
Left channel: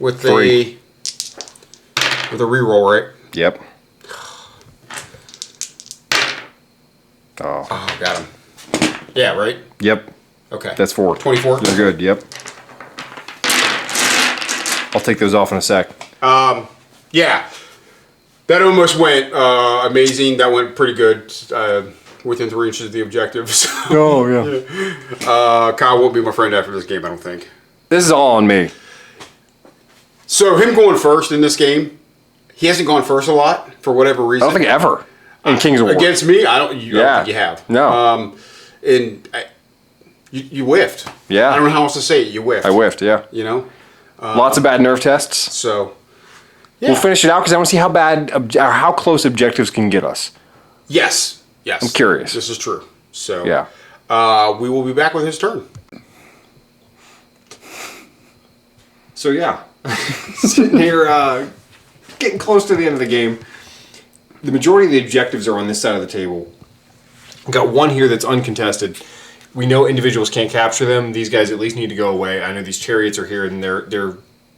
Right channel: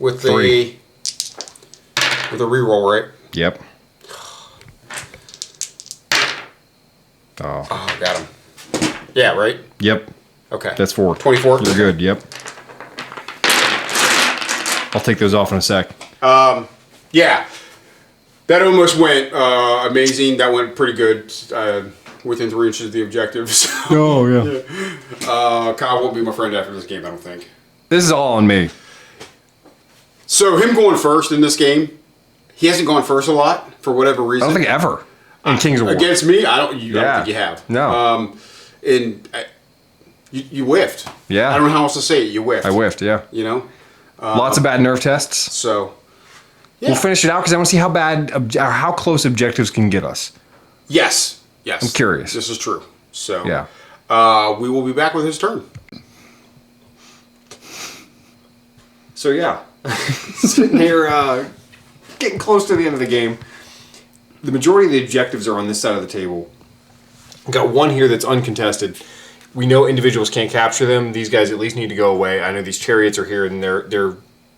with a reroll, right? Yep. Oh. Oh, got him. Yeah, right? Yep. Okay. That's 4. 24? You're Okay. good, yep. I'll take those off in a sec. Yeah. That almost went amazing. That went pretty good. Within 3 inches of the objective. So, Oh, yeah. Kyle won't be my friend after this game, I don't think. This is all on me. So him going first in this game, he hasn't gone first a lot for whatever I reason. don't think ever. In Kings of War. Against me, I don't Yeah. think you have. No. You whiffed. Yeah. I don't know how else to say it. You whiffed. I whiffed, yeah. You know. Lots of bad nerve tests. So. Yeah. We'll finish it out because I want to see how bad, or how close objectives can get us. Yes. Yes. I'm curious. This is true. So. Yeah. We will be back with his turn. So yeah, sitting here, getting close to the end of the game. The majority of the objectives are on this side of the table. We've got one here that's uncontested. We know individuals can't capture them. These guys at least need to go away. I know these chariots are here, and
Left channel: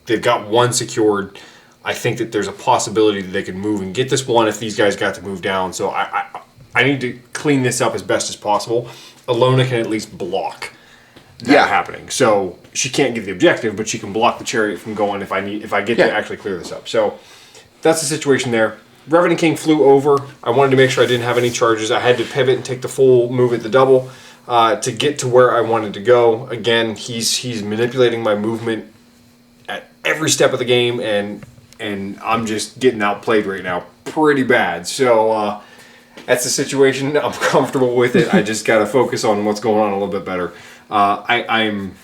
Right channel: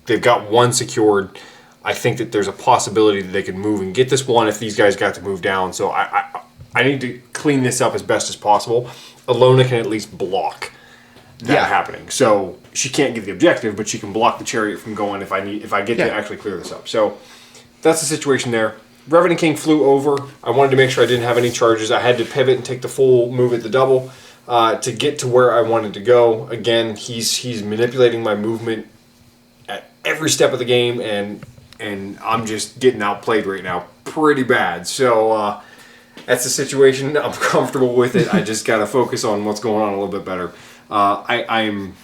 they've got one secured. I think that there's a possibility that they could move and get this one if these guys got to move down. So I need to clean this up as best as possible. Alona can at least block that happening. So she can't get the objective, but she can block the chariot from going if I get to actually clear this up. So that's the situation there. Revenant King flew over. I wanted to make sure I didn't have any charges. I had to pivot and take the full move at the double to get to where I wanted to go. Again, he's manipulating my movement at every step of the game, and I'm just getting outplayed right now pretty bad. So that's the situation. I'm comfortable with it. I just got to focus on what's going on a little bit better. I'm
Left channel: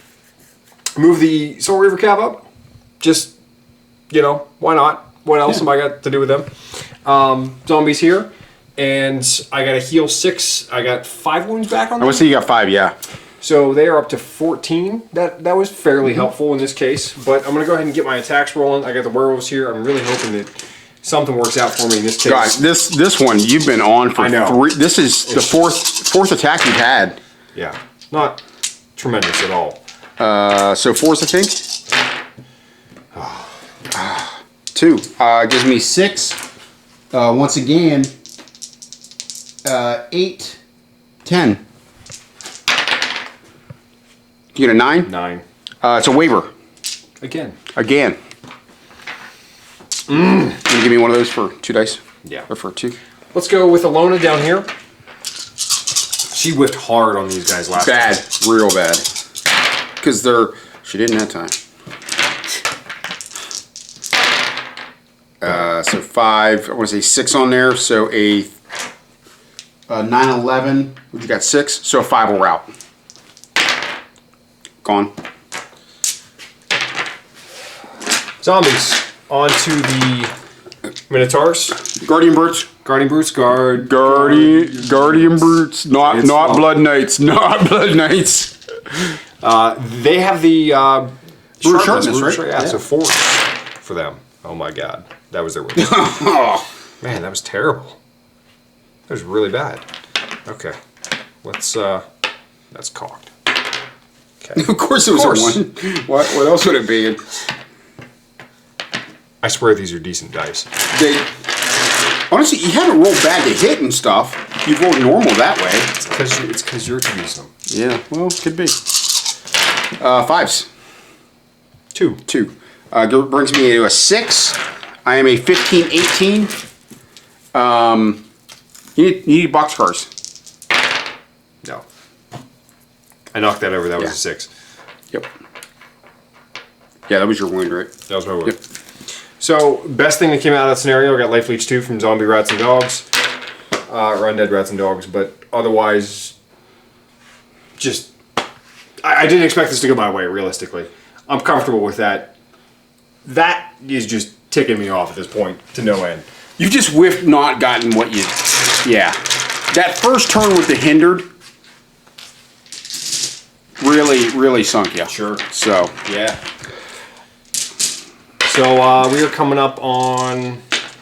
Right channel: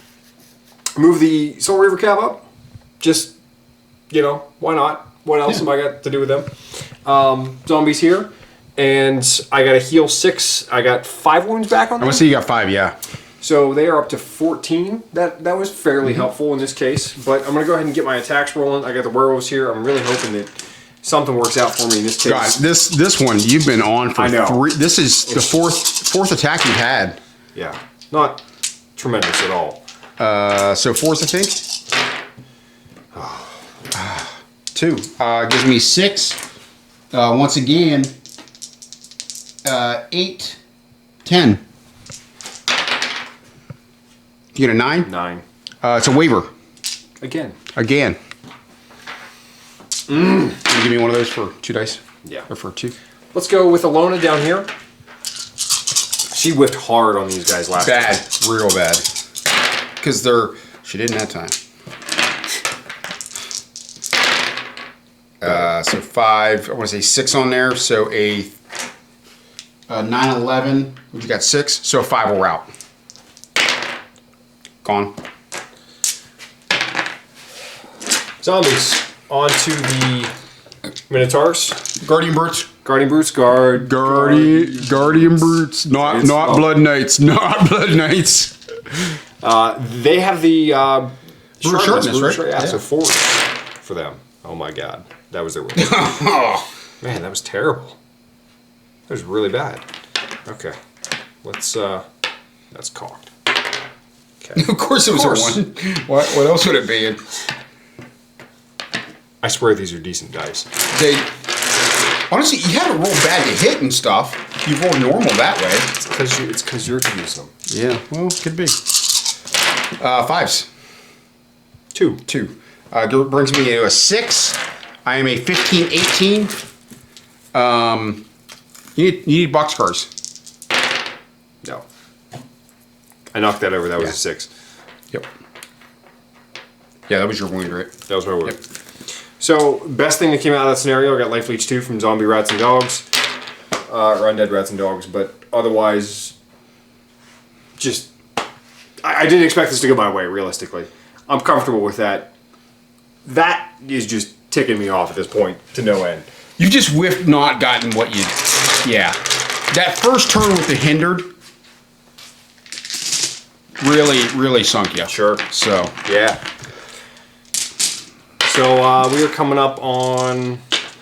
move the Soul Reaver Cab up. Just, why not? What else have I got to do with them? Zombies here, and I got to heal 6. I got 5 wounds back on them. Oh, so you got 5, yeah. So they are up to 14. That was fairly helpful in this case. But I'm going to go ahead and get my attacks rolling. I got the werewolves here. I'm really hoping that something works out for me in this case. Guys, this one you've been on for I know. This is the fourth attack you've had. Yeah, not tremendous at all. So 4's the thing? 2. Give me 6. Once again, 8, 10. You get a 9? 9. It's a waiver. Again. Can you give me one of those for 2 dice? Yeah. Or for 2? Let's go with Alona down here. She whiffed hard on these guys last Bad. time. Real bad. Because she didn't have time. So 5, I want to say 6 on there, so a 9, 11, we've got 6, so a 5 will route. Gone. Zombies. On to the Minotaurs. Guardian Brutes. Guardian Brutes, Guardian Brutes. Not It's- Blood Knights. Not Blood Knights. They have the sharpness. sharpness, right? Yeah, Yeah. so 4 for them. Oh my god. That was their weakness. Man, that was terrible. That was really bad. Okay. That's cocked. Okay. Of course it was course. a 1. What else would it be? I swear these are decent dice. Honestly, you haven't rolled bad to hit and stuff. You've rolled normal that way. It's because you're to use them. Yeah, well, could be. 5s. 2. 2. Brings me to a 6. I am a 15, 18. You need boxcars. No. I knocked that over. That was a 6. Yep. Yeah, that was your wound, right? That was my word. So, best thing that came out of that scenario, I got Life Leech 2 from Zombie Rats and Dogs. Or Undead Rats and Dogs, but otherwise, just... I didn't expect this to go my way, realistically. I'm comfortable with that. That is just ticking me off at this point to no end. You just whiffed not gotten what you... Yeah. That first turn with the hindered really sunk you. Sure. So... Yeah. So, we are coming up on...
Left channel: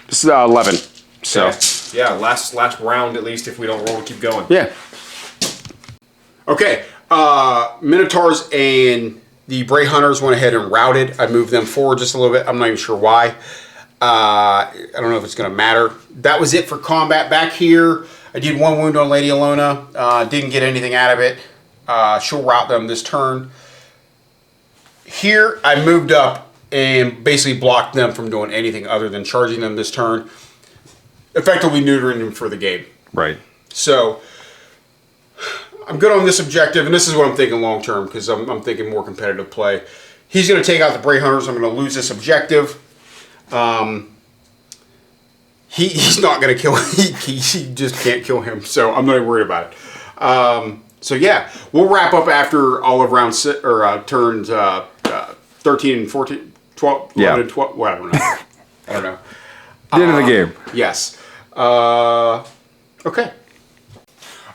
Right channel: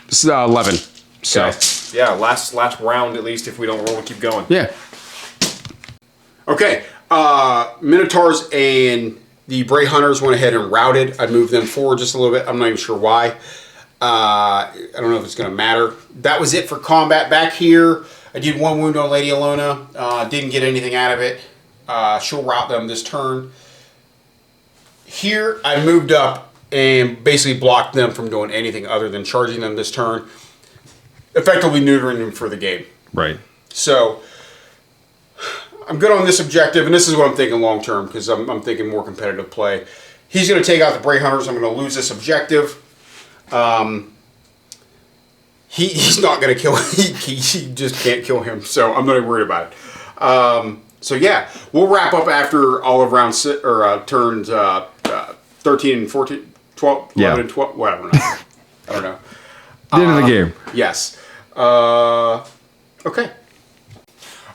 This is 11. So. Okay. Yeah, last round at least. If we don't roll, we'll keep going. Yeah. Okay, Minotaurs and the Bray Hunters went ahead and routed. I moved them forward just a little bit. I'm not even sure why. I don't know if it's going to matter. That was it for combat back here. I did 1 wound on Lady Alona. Didn't get anything out of it. She'll route them this turn. Here, I moved up and basically blocked them from doing anything other than charging them this turn. Effectively neutering them for the game. Right. So, I'm good on this objective, and this is what I'm thinking long term, because I'm thinking more competitive play. He's going to take out the Bray Hunters. I'm going to lose this objective. He's not going to kill him. He just can't kill him, so I'm not even worried about it. So yeah, we'll wrap up after all of round turns 13 and 14, 12, 11 Yeah. and 12, whatever. I don't know. The end of the game. Yes. Okay.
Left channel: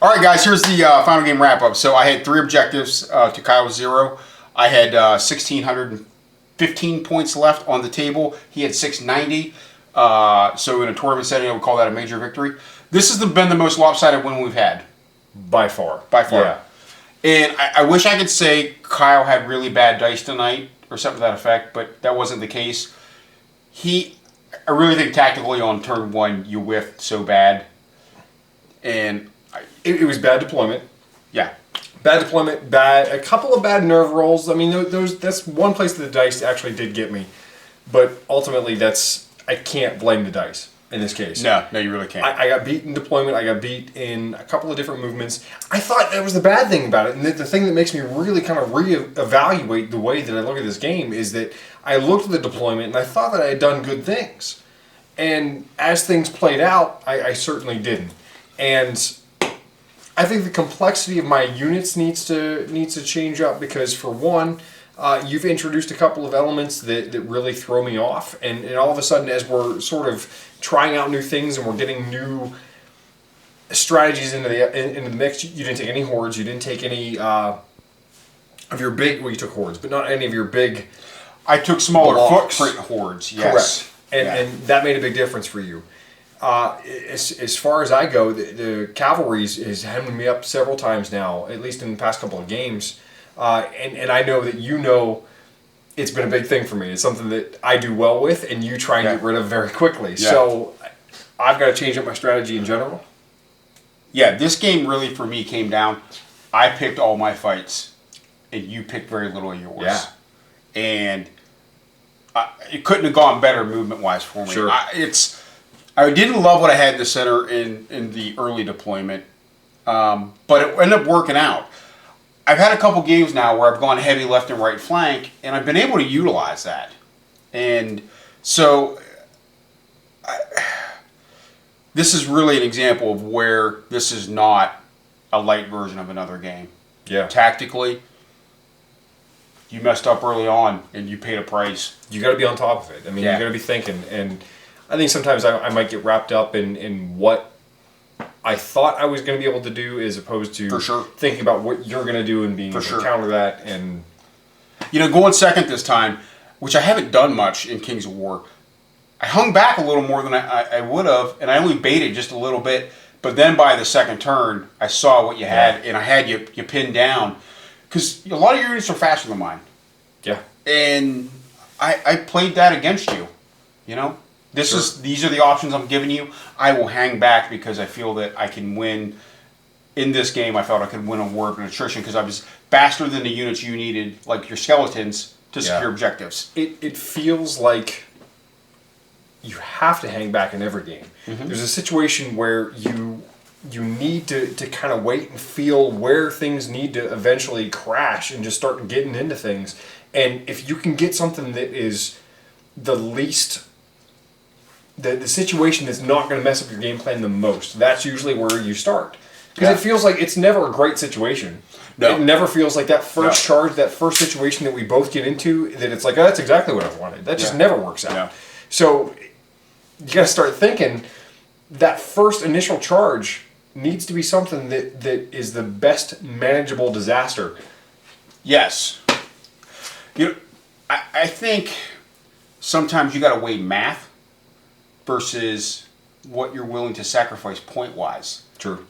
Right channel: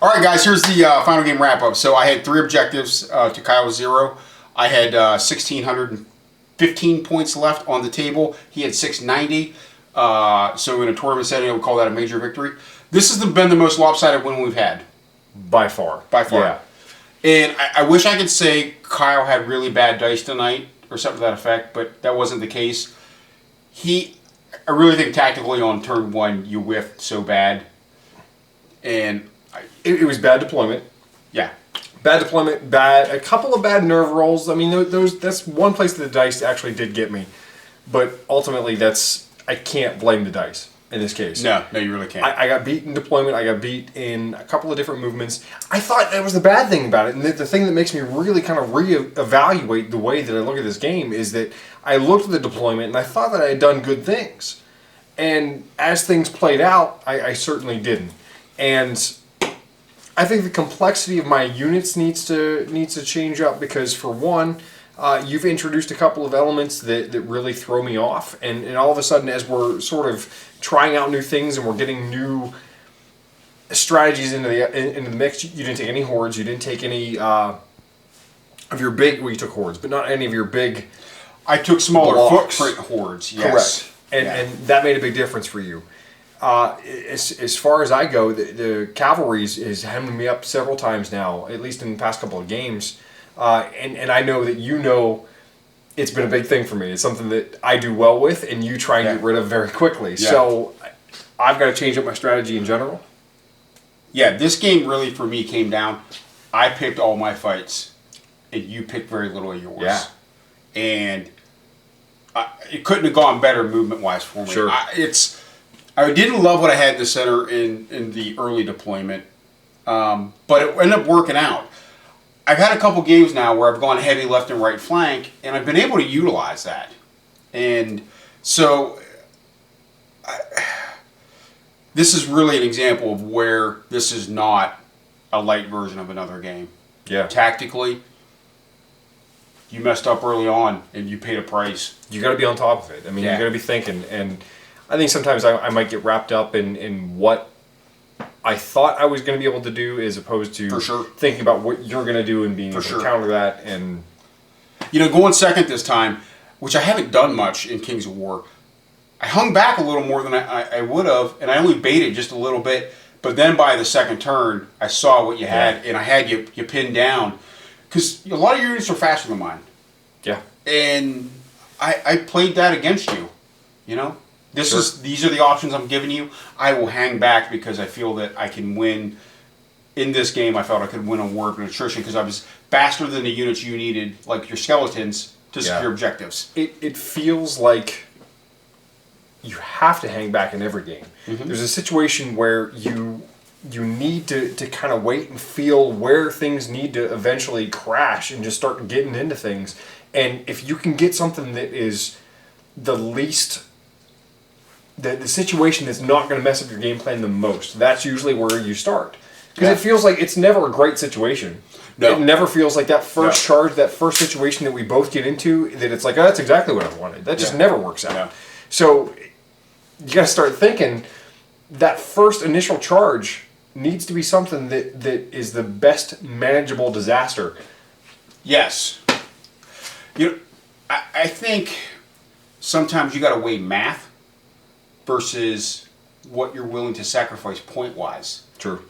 All right, guys, here's the final game wrap-up. So I had 3 objectives to Kyle's 0. I had 1,615 points left on the table. He had 690. So in a tournament setting, I would call that a major victory. This has been the most lopsided win we've had. By far. By far. Yeah. And I wish I could say Kyle had really bad dice tonight or something to that effect, but that wasn't the case. I really think tactically on turn 1, you whiffed so bad. And It was bad deployment. yeah. Bad deployment, a couple of bad nerve rolls. I mean, that's one place that the dice actually did get me. But ultimately, I can't blame the dice in this case. No, you really can't. I got beat in deployment. I got beat in a couple of different movements. I thought that was the bad thing about it. And the thing that makes me really kind of reevaluate the way that I look at this game is that I looked at the deployment and I thought that I had done good things. And as things played out, I certainly didn't. And I think the complexity of my units needs to change up because, for one, you've introduced a couple of elements that really throw me off, and all of a sudden, as we're sort of trying out new things and we're getting new strategies into the mix, you didn't take any hordes, you didn't take any of your big, well, you took hordes, but not any of your big I took smaller blocks. footprint hordes. Yes. Correct. And, Yeah. and that made a big difference for you. As far as I go, the cavalry is hemming me up several times now, at least in the past couple of games. And I know that you know it's been a big thing for me. It's something that I do well with, and you try and get rid of very quickly. Yeah. So I've got to change up my strategy in general. Yeah, this game really for me came down. I picked all my fights, and you picked very little of yours. Yeah. And it couldn't have gone better movement-wise for me. Sure. I didn't love what I had in the center in the early deployment, but it ended up working out. I've had a couple games now where I've gone heavy left and right flank, and I've been able to utilize that. And so this is really an example of where this is not a light version of another game. Yeah. Tactically, you messed up early on, and you paid a price. You got to be on top of it. I mean, Yeah. you got to be thinking. And I think sometimes I might get wrapped up in what I thought I was going to be able to do, as opposed to For sure. thinking about what you're going to do and being able sure. to counter that. And Going second this time, which I haven't done much in Kings of War, I hung back a little more than I would have, and I only baited just a little bit. But then by the second turn, I saw what you had, and I had you pinned down. Because a lot of your units are faster than mine. yeah. And I played that against you. These are the options I'm giving you. I will hang back because I feel that I can win. In this game, I felt I could win on war and attrition because I was faster than the units you needed, like your skeletons, to secure objectives. It feels like you have to hang back in every game. Mm-hmm. There's a situation where you need to kind of wait and feel where things need to eventually crash and just start getting into things. And if you can get something that is the least, the situation that's not going to mess up your game plan the most, that's usually where you start. Because it feels like it's never a great situation. No. It never feels like that first charge, that first situation that we both get into, that it's like, oh, that's exactly what I wanted. That just never works out. Yeah. So you got to start thinking that first initial charge needs to be something that is the best manageable disaster. Yes. I think sometimes you got to weigh math versus what you're willing to sacrifice point-wise. True.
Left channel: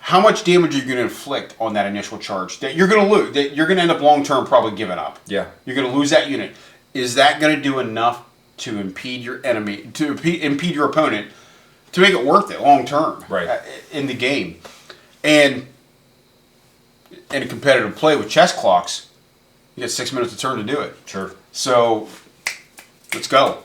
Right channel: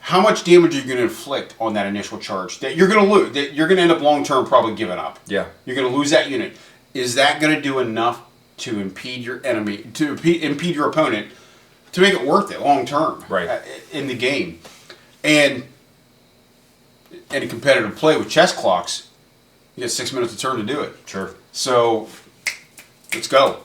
How much damage are you going to inflict on that initial charge that you're going to lose, that you're going to end up long-term probably giving up? Yeah. You're going to lose that unit. Is that going to do enough to impede your enemy, to impede your opponent, to make it worth it long-term in the game? And in a competitive play with chess clocks, you get 6 minutes a turn to do it. Sure. So let's go.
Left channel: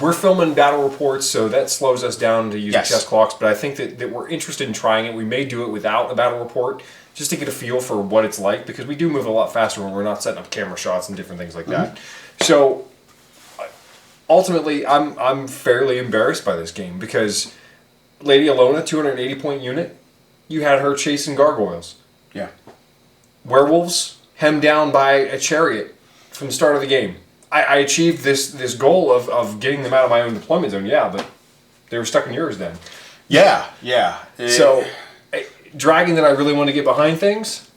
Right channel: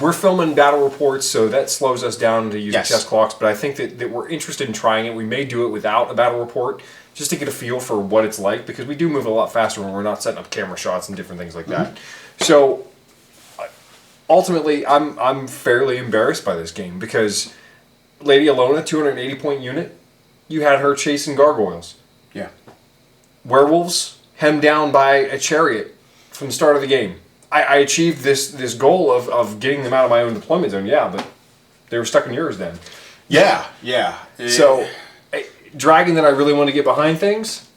We're filming battle reports, so that slows us down to use chess clocks, but I think that we're interested in trying it. We may do it without a battle report, just to get a feel for what it's like, because we do move a lot faster when we're not setting up camera shots and different things like that. So ultimately, I'm fairly embarrassed by this game, because Lady Alona, 280-point unit, you had her chasing gargoyles. Yeah. Werewolves hemmed down by a chariot from the start of the game. I achieved this goal of getting them out of my own deployment zone, but they were stuck in yours then. Yeah. So, dragging that I really want to get behind things,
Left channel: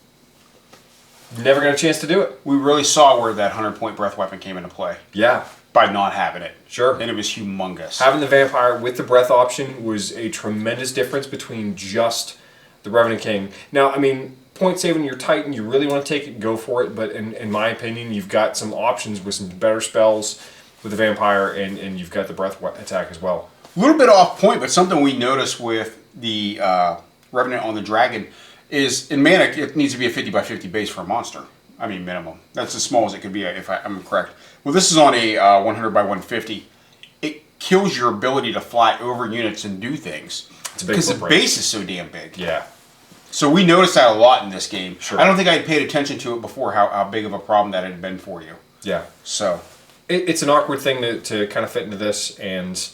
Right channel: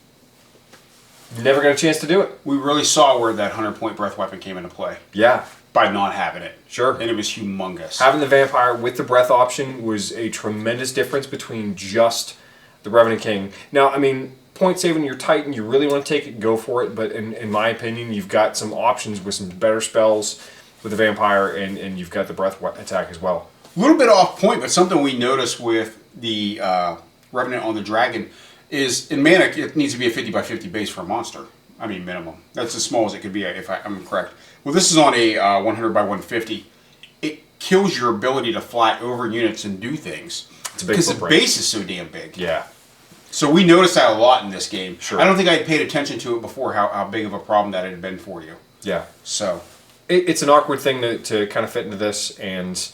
never got a chance to do it. We really saw where that 100-point breath weapon came into play. Yeah. By not having it. Sure. And it was humongous. Having the vampire with the breath option was a tremendous difference between just the Revenant King. Now, I mean, point saving your Titan, you really want to take it, go for it, but in my opinion, you've got some options with some better spells with the vampire, and you've got the breath attack as well. A little bit off point, but something we noticed with the Revenant on the Dragon is in Mantic, it needs to be a 50 by 50 base for a monster. I mean, minimum. That's as small as it could be, if I'm correct. Well, this is on a 100 by 150. It kills your ability to fly over units and do things. It's a big because the footprint. base is so damn big. Yeah. So we noticed that a lot in this game. Sure. I don't think I had paid attention to it before, how big of a problem that had been for you. Yeah. So it's an awkward thing to kind of fit into this, and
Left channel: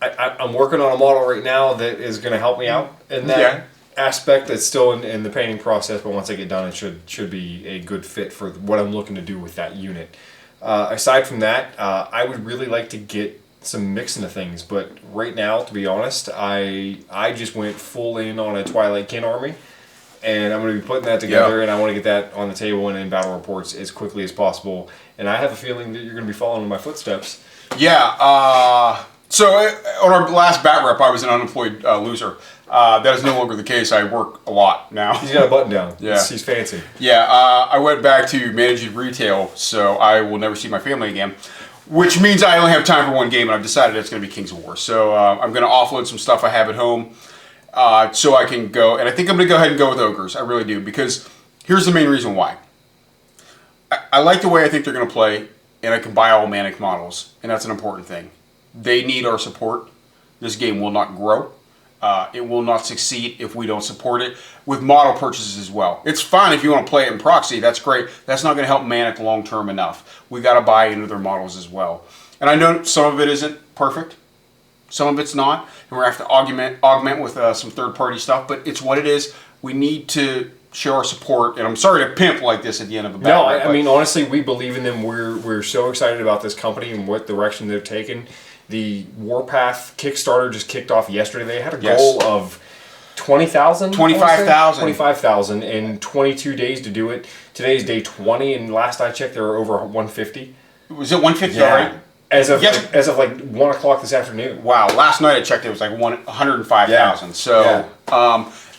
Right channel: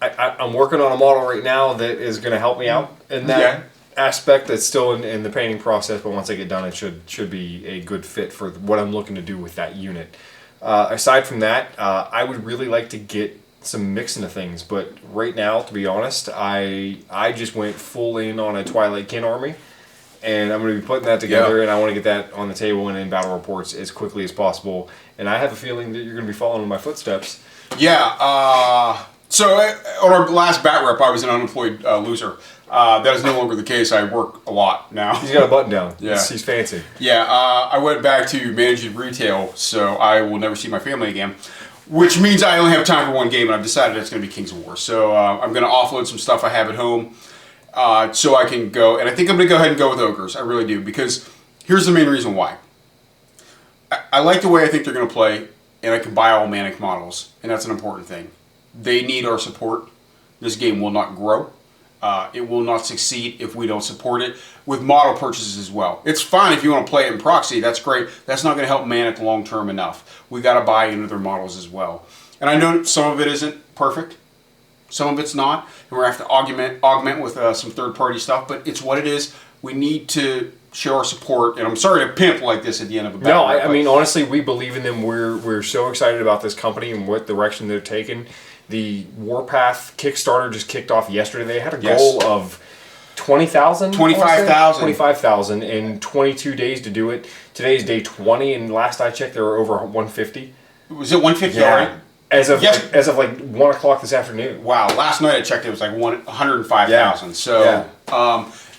I'm working on a model right now that is going to help me out in that aspect. That's still in the painting process, but once I get done, it should be a good fit for what I'm looking to do with that unit. Aside from that, I would really like to get some mix into things, but right now, to be honest, I just went full in on a Twilight Kin army, and I'm going to be putting that together, and I want to get that on the table and in battle reports as quickly as possible. And I have a feeling that you're going to be following in my footsteps. Yeah. So on our last bat rep, I was an unemployed loser. That is no longer the case. I work a lot now. He's got a button down. Yeah. He's fancy. Yeah. I went back to managing retail, so I will never see my family again. Which means I only have time for one game, and I've decided it's going to be Kings of War. So I'm going to offload some stuff I have at home so I can go. And I think I'm going to go ahead and go with Ogres. I really do. Because here's the main reason why. I like the way I think they're going to play, and I can buy all Mantic models. And that's an important thing. They need our support. This game will not grow. It will not succeed if we don't support it with model purchases as well. It's fine if you want to play it in proxy. That's great. That's not going to help Mantic long term enough. We got to buy into their models as well. And I know some of it isn't perfect. Some of it's not. And we're going to have to augment with some third party stuff. But it's what it is. We need to show our support. And I'm sorry to pimp like this at the end of a battle. No, I mean, honestly, we believe in them. We're so excited about this company and what direction they're taking. The Warpath Kickstarter just kicked off yesterday. They had a goal of 20,000? 25,000. 25,000 in 22 days to do it. Today's day 20, and last I checked, there were over 150. Was it 150 already? As of like 1 o'clock this afternoon. Wow, last night I checked, it was like 105,000. Yeah. So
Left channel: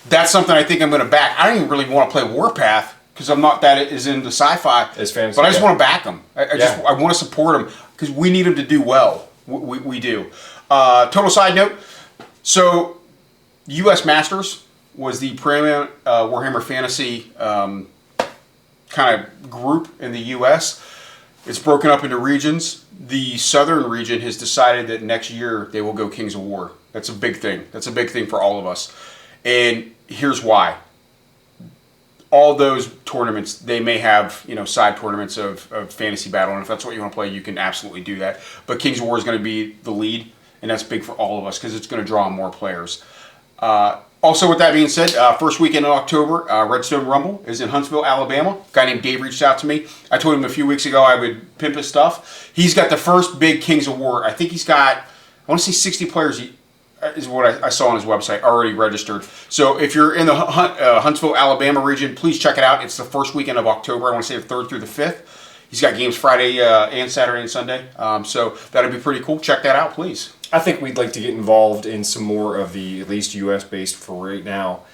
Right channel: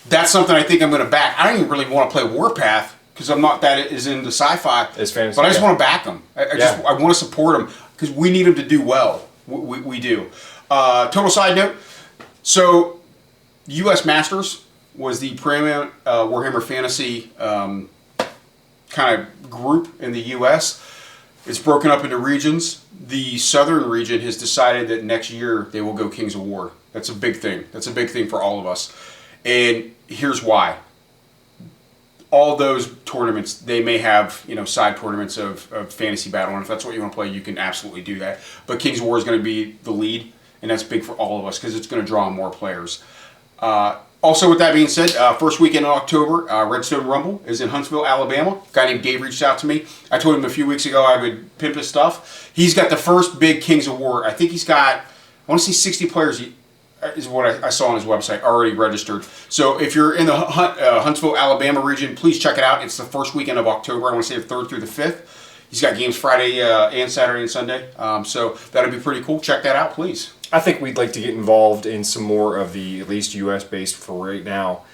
that's something I think I'm going to back. I don't even really want to play Warpath because I'm not that is into sci-fi. It's fantasy, but I just want to back them. I want to support them because we need them to do well. We do. Total side note. So, U.S. Masters was the preeminent Warhammer Fantasy kind of group in the U.S. It's broken up into regions. The southern region has decided that next year they will go Kings of War. That's a big thing. That's a big thing for all of us. And here's why. All those tournaments, they may have, side tournaments of fantasy battle, and if that's what you want to play, you can absolutely do that. But Kings of War is going to be the lead, and that's big for all of us because it's going to draw more players. Also, with that being said, first weekend in October, Redstone Rumble is in Huntsville, Alabama. A guy named Dave reached out to me. I told him a few weeks ago I would pimp his stuff. He's got the first big Kings of War. I think he's got, I want to say 60 players is what I saw on his website, already registered. So if you're in the Huntsville, Alabama region, please check it out. It's the first weekend of October. I want to say the 3rd through the 5th. He's got games Friday and Saturday and Sunday. So that'll be pretty cool. Check that out, please. I think we'd like to get involved in some more of the, at least U.S.-based for right now,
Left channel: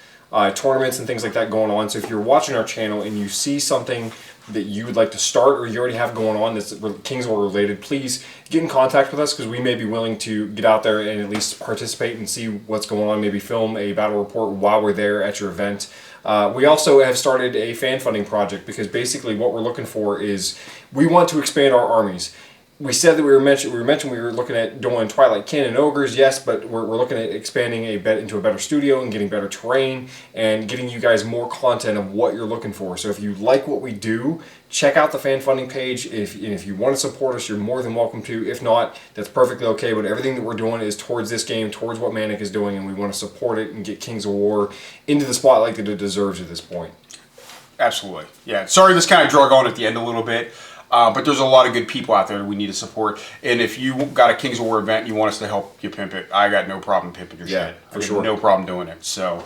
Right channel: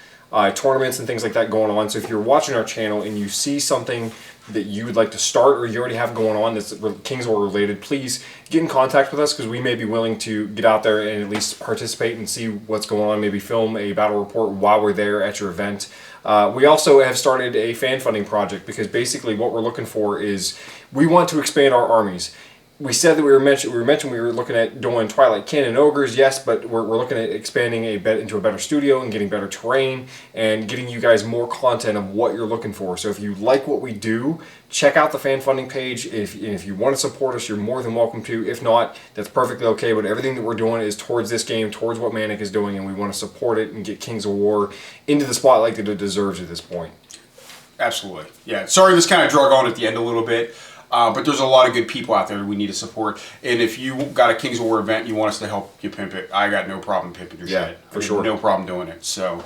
tournaments and things like that going on. So if you're watching our channel and you see something that you would like to start or you already have going on that's Kings of War related, please get in contact with us because we may be willing to get out there and at least participate and see what's going on, maybe film a battle report while we're there at your event. We also have started a fan funding project because basically what we're looking for is we want to expand our armies. We said that we were looking at doing Twilight Kin and Ogres, yes, but we're looking at expanding into a better studio and getting better terrain and getting you guys more content of what you're looking for. So if you like what we do, check out the fan funding page. If you want to support us, you're more than welcome to. If not, that's perfectly okay, but everything that we're doing is towards this game, towards what Mantic is doing, and we want to support it and get Kings of War into the spotlight that it deserves at this point. Absolutely. Yeah. Sorry this kind of drug on at the end a little bit. But there's a lot of good people out there that we need to support. And if you got a Kings of War event, you want us to help you pimp it, I got no problem pimping your shit. For sure. No problem doing it. So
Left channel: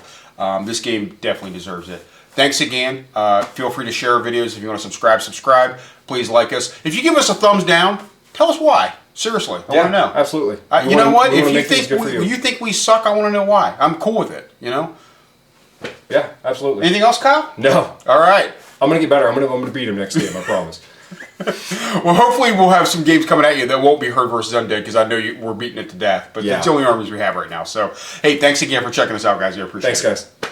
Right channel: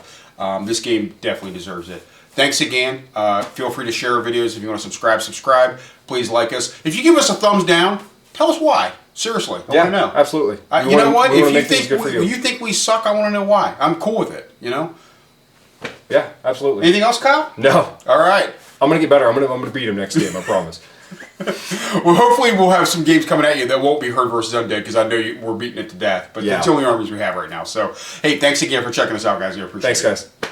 this game definitely deserves it. Thanks again. Feel free to share our videos. If you want to subscribe. Please like us. If you give us a thumbs down, tell us why. Seriously, I want to know. Absolutely. You know what? If you think we suck, I want to know why. I'm cool with it. Yeah, absolutely. Anything else, Kyle? No. All right. I'm gonna get better. I'm gonna beat him next game. I promise. Well, hopefully we'll have some games coming at you that won't be Herd vs Undead because I know we're beating it to death. But it's the only armies we have right now. So, hey, thanks again for checking us out, guys. I appreciate it. Thanks, guys.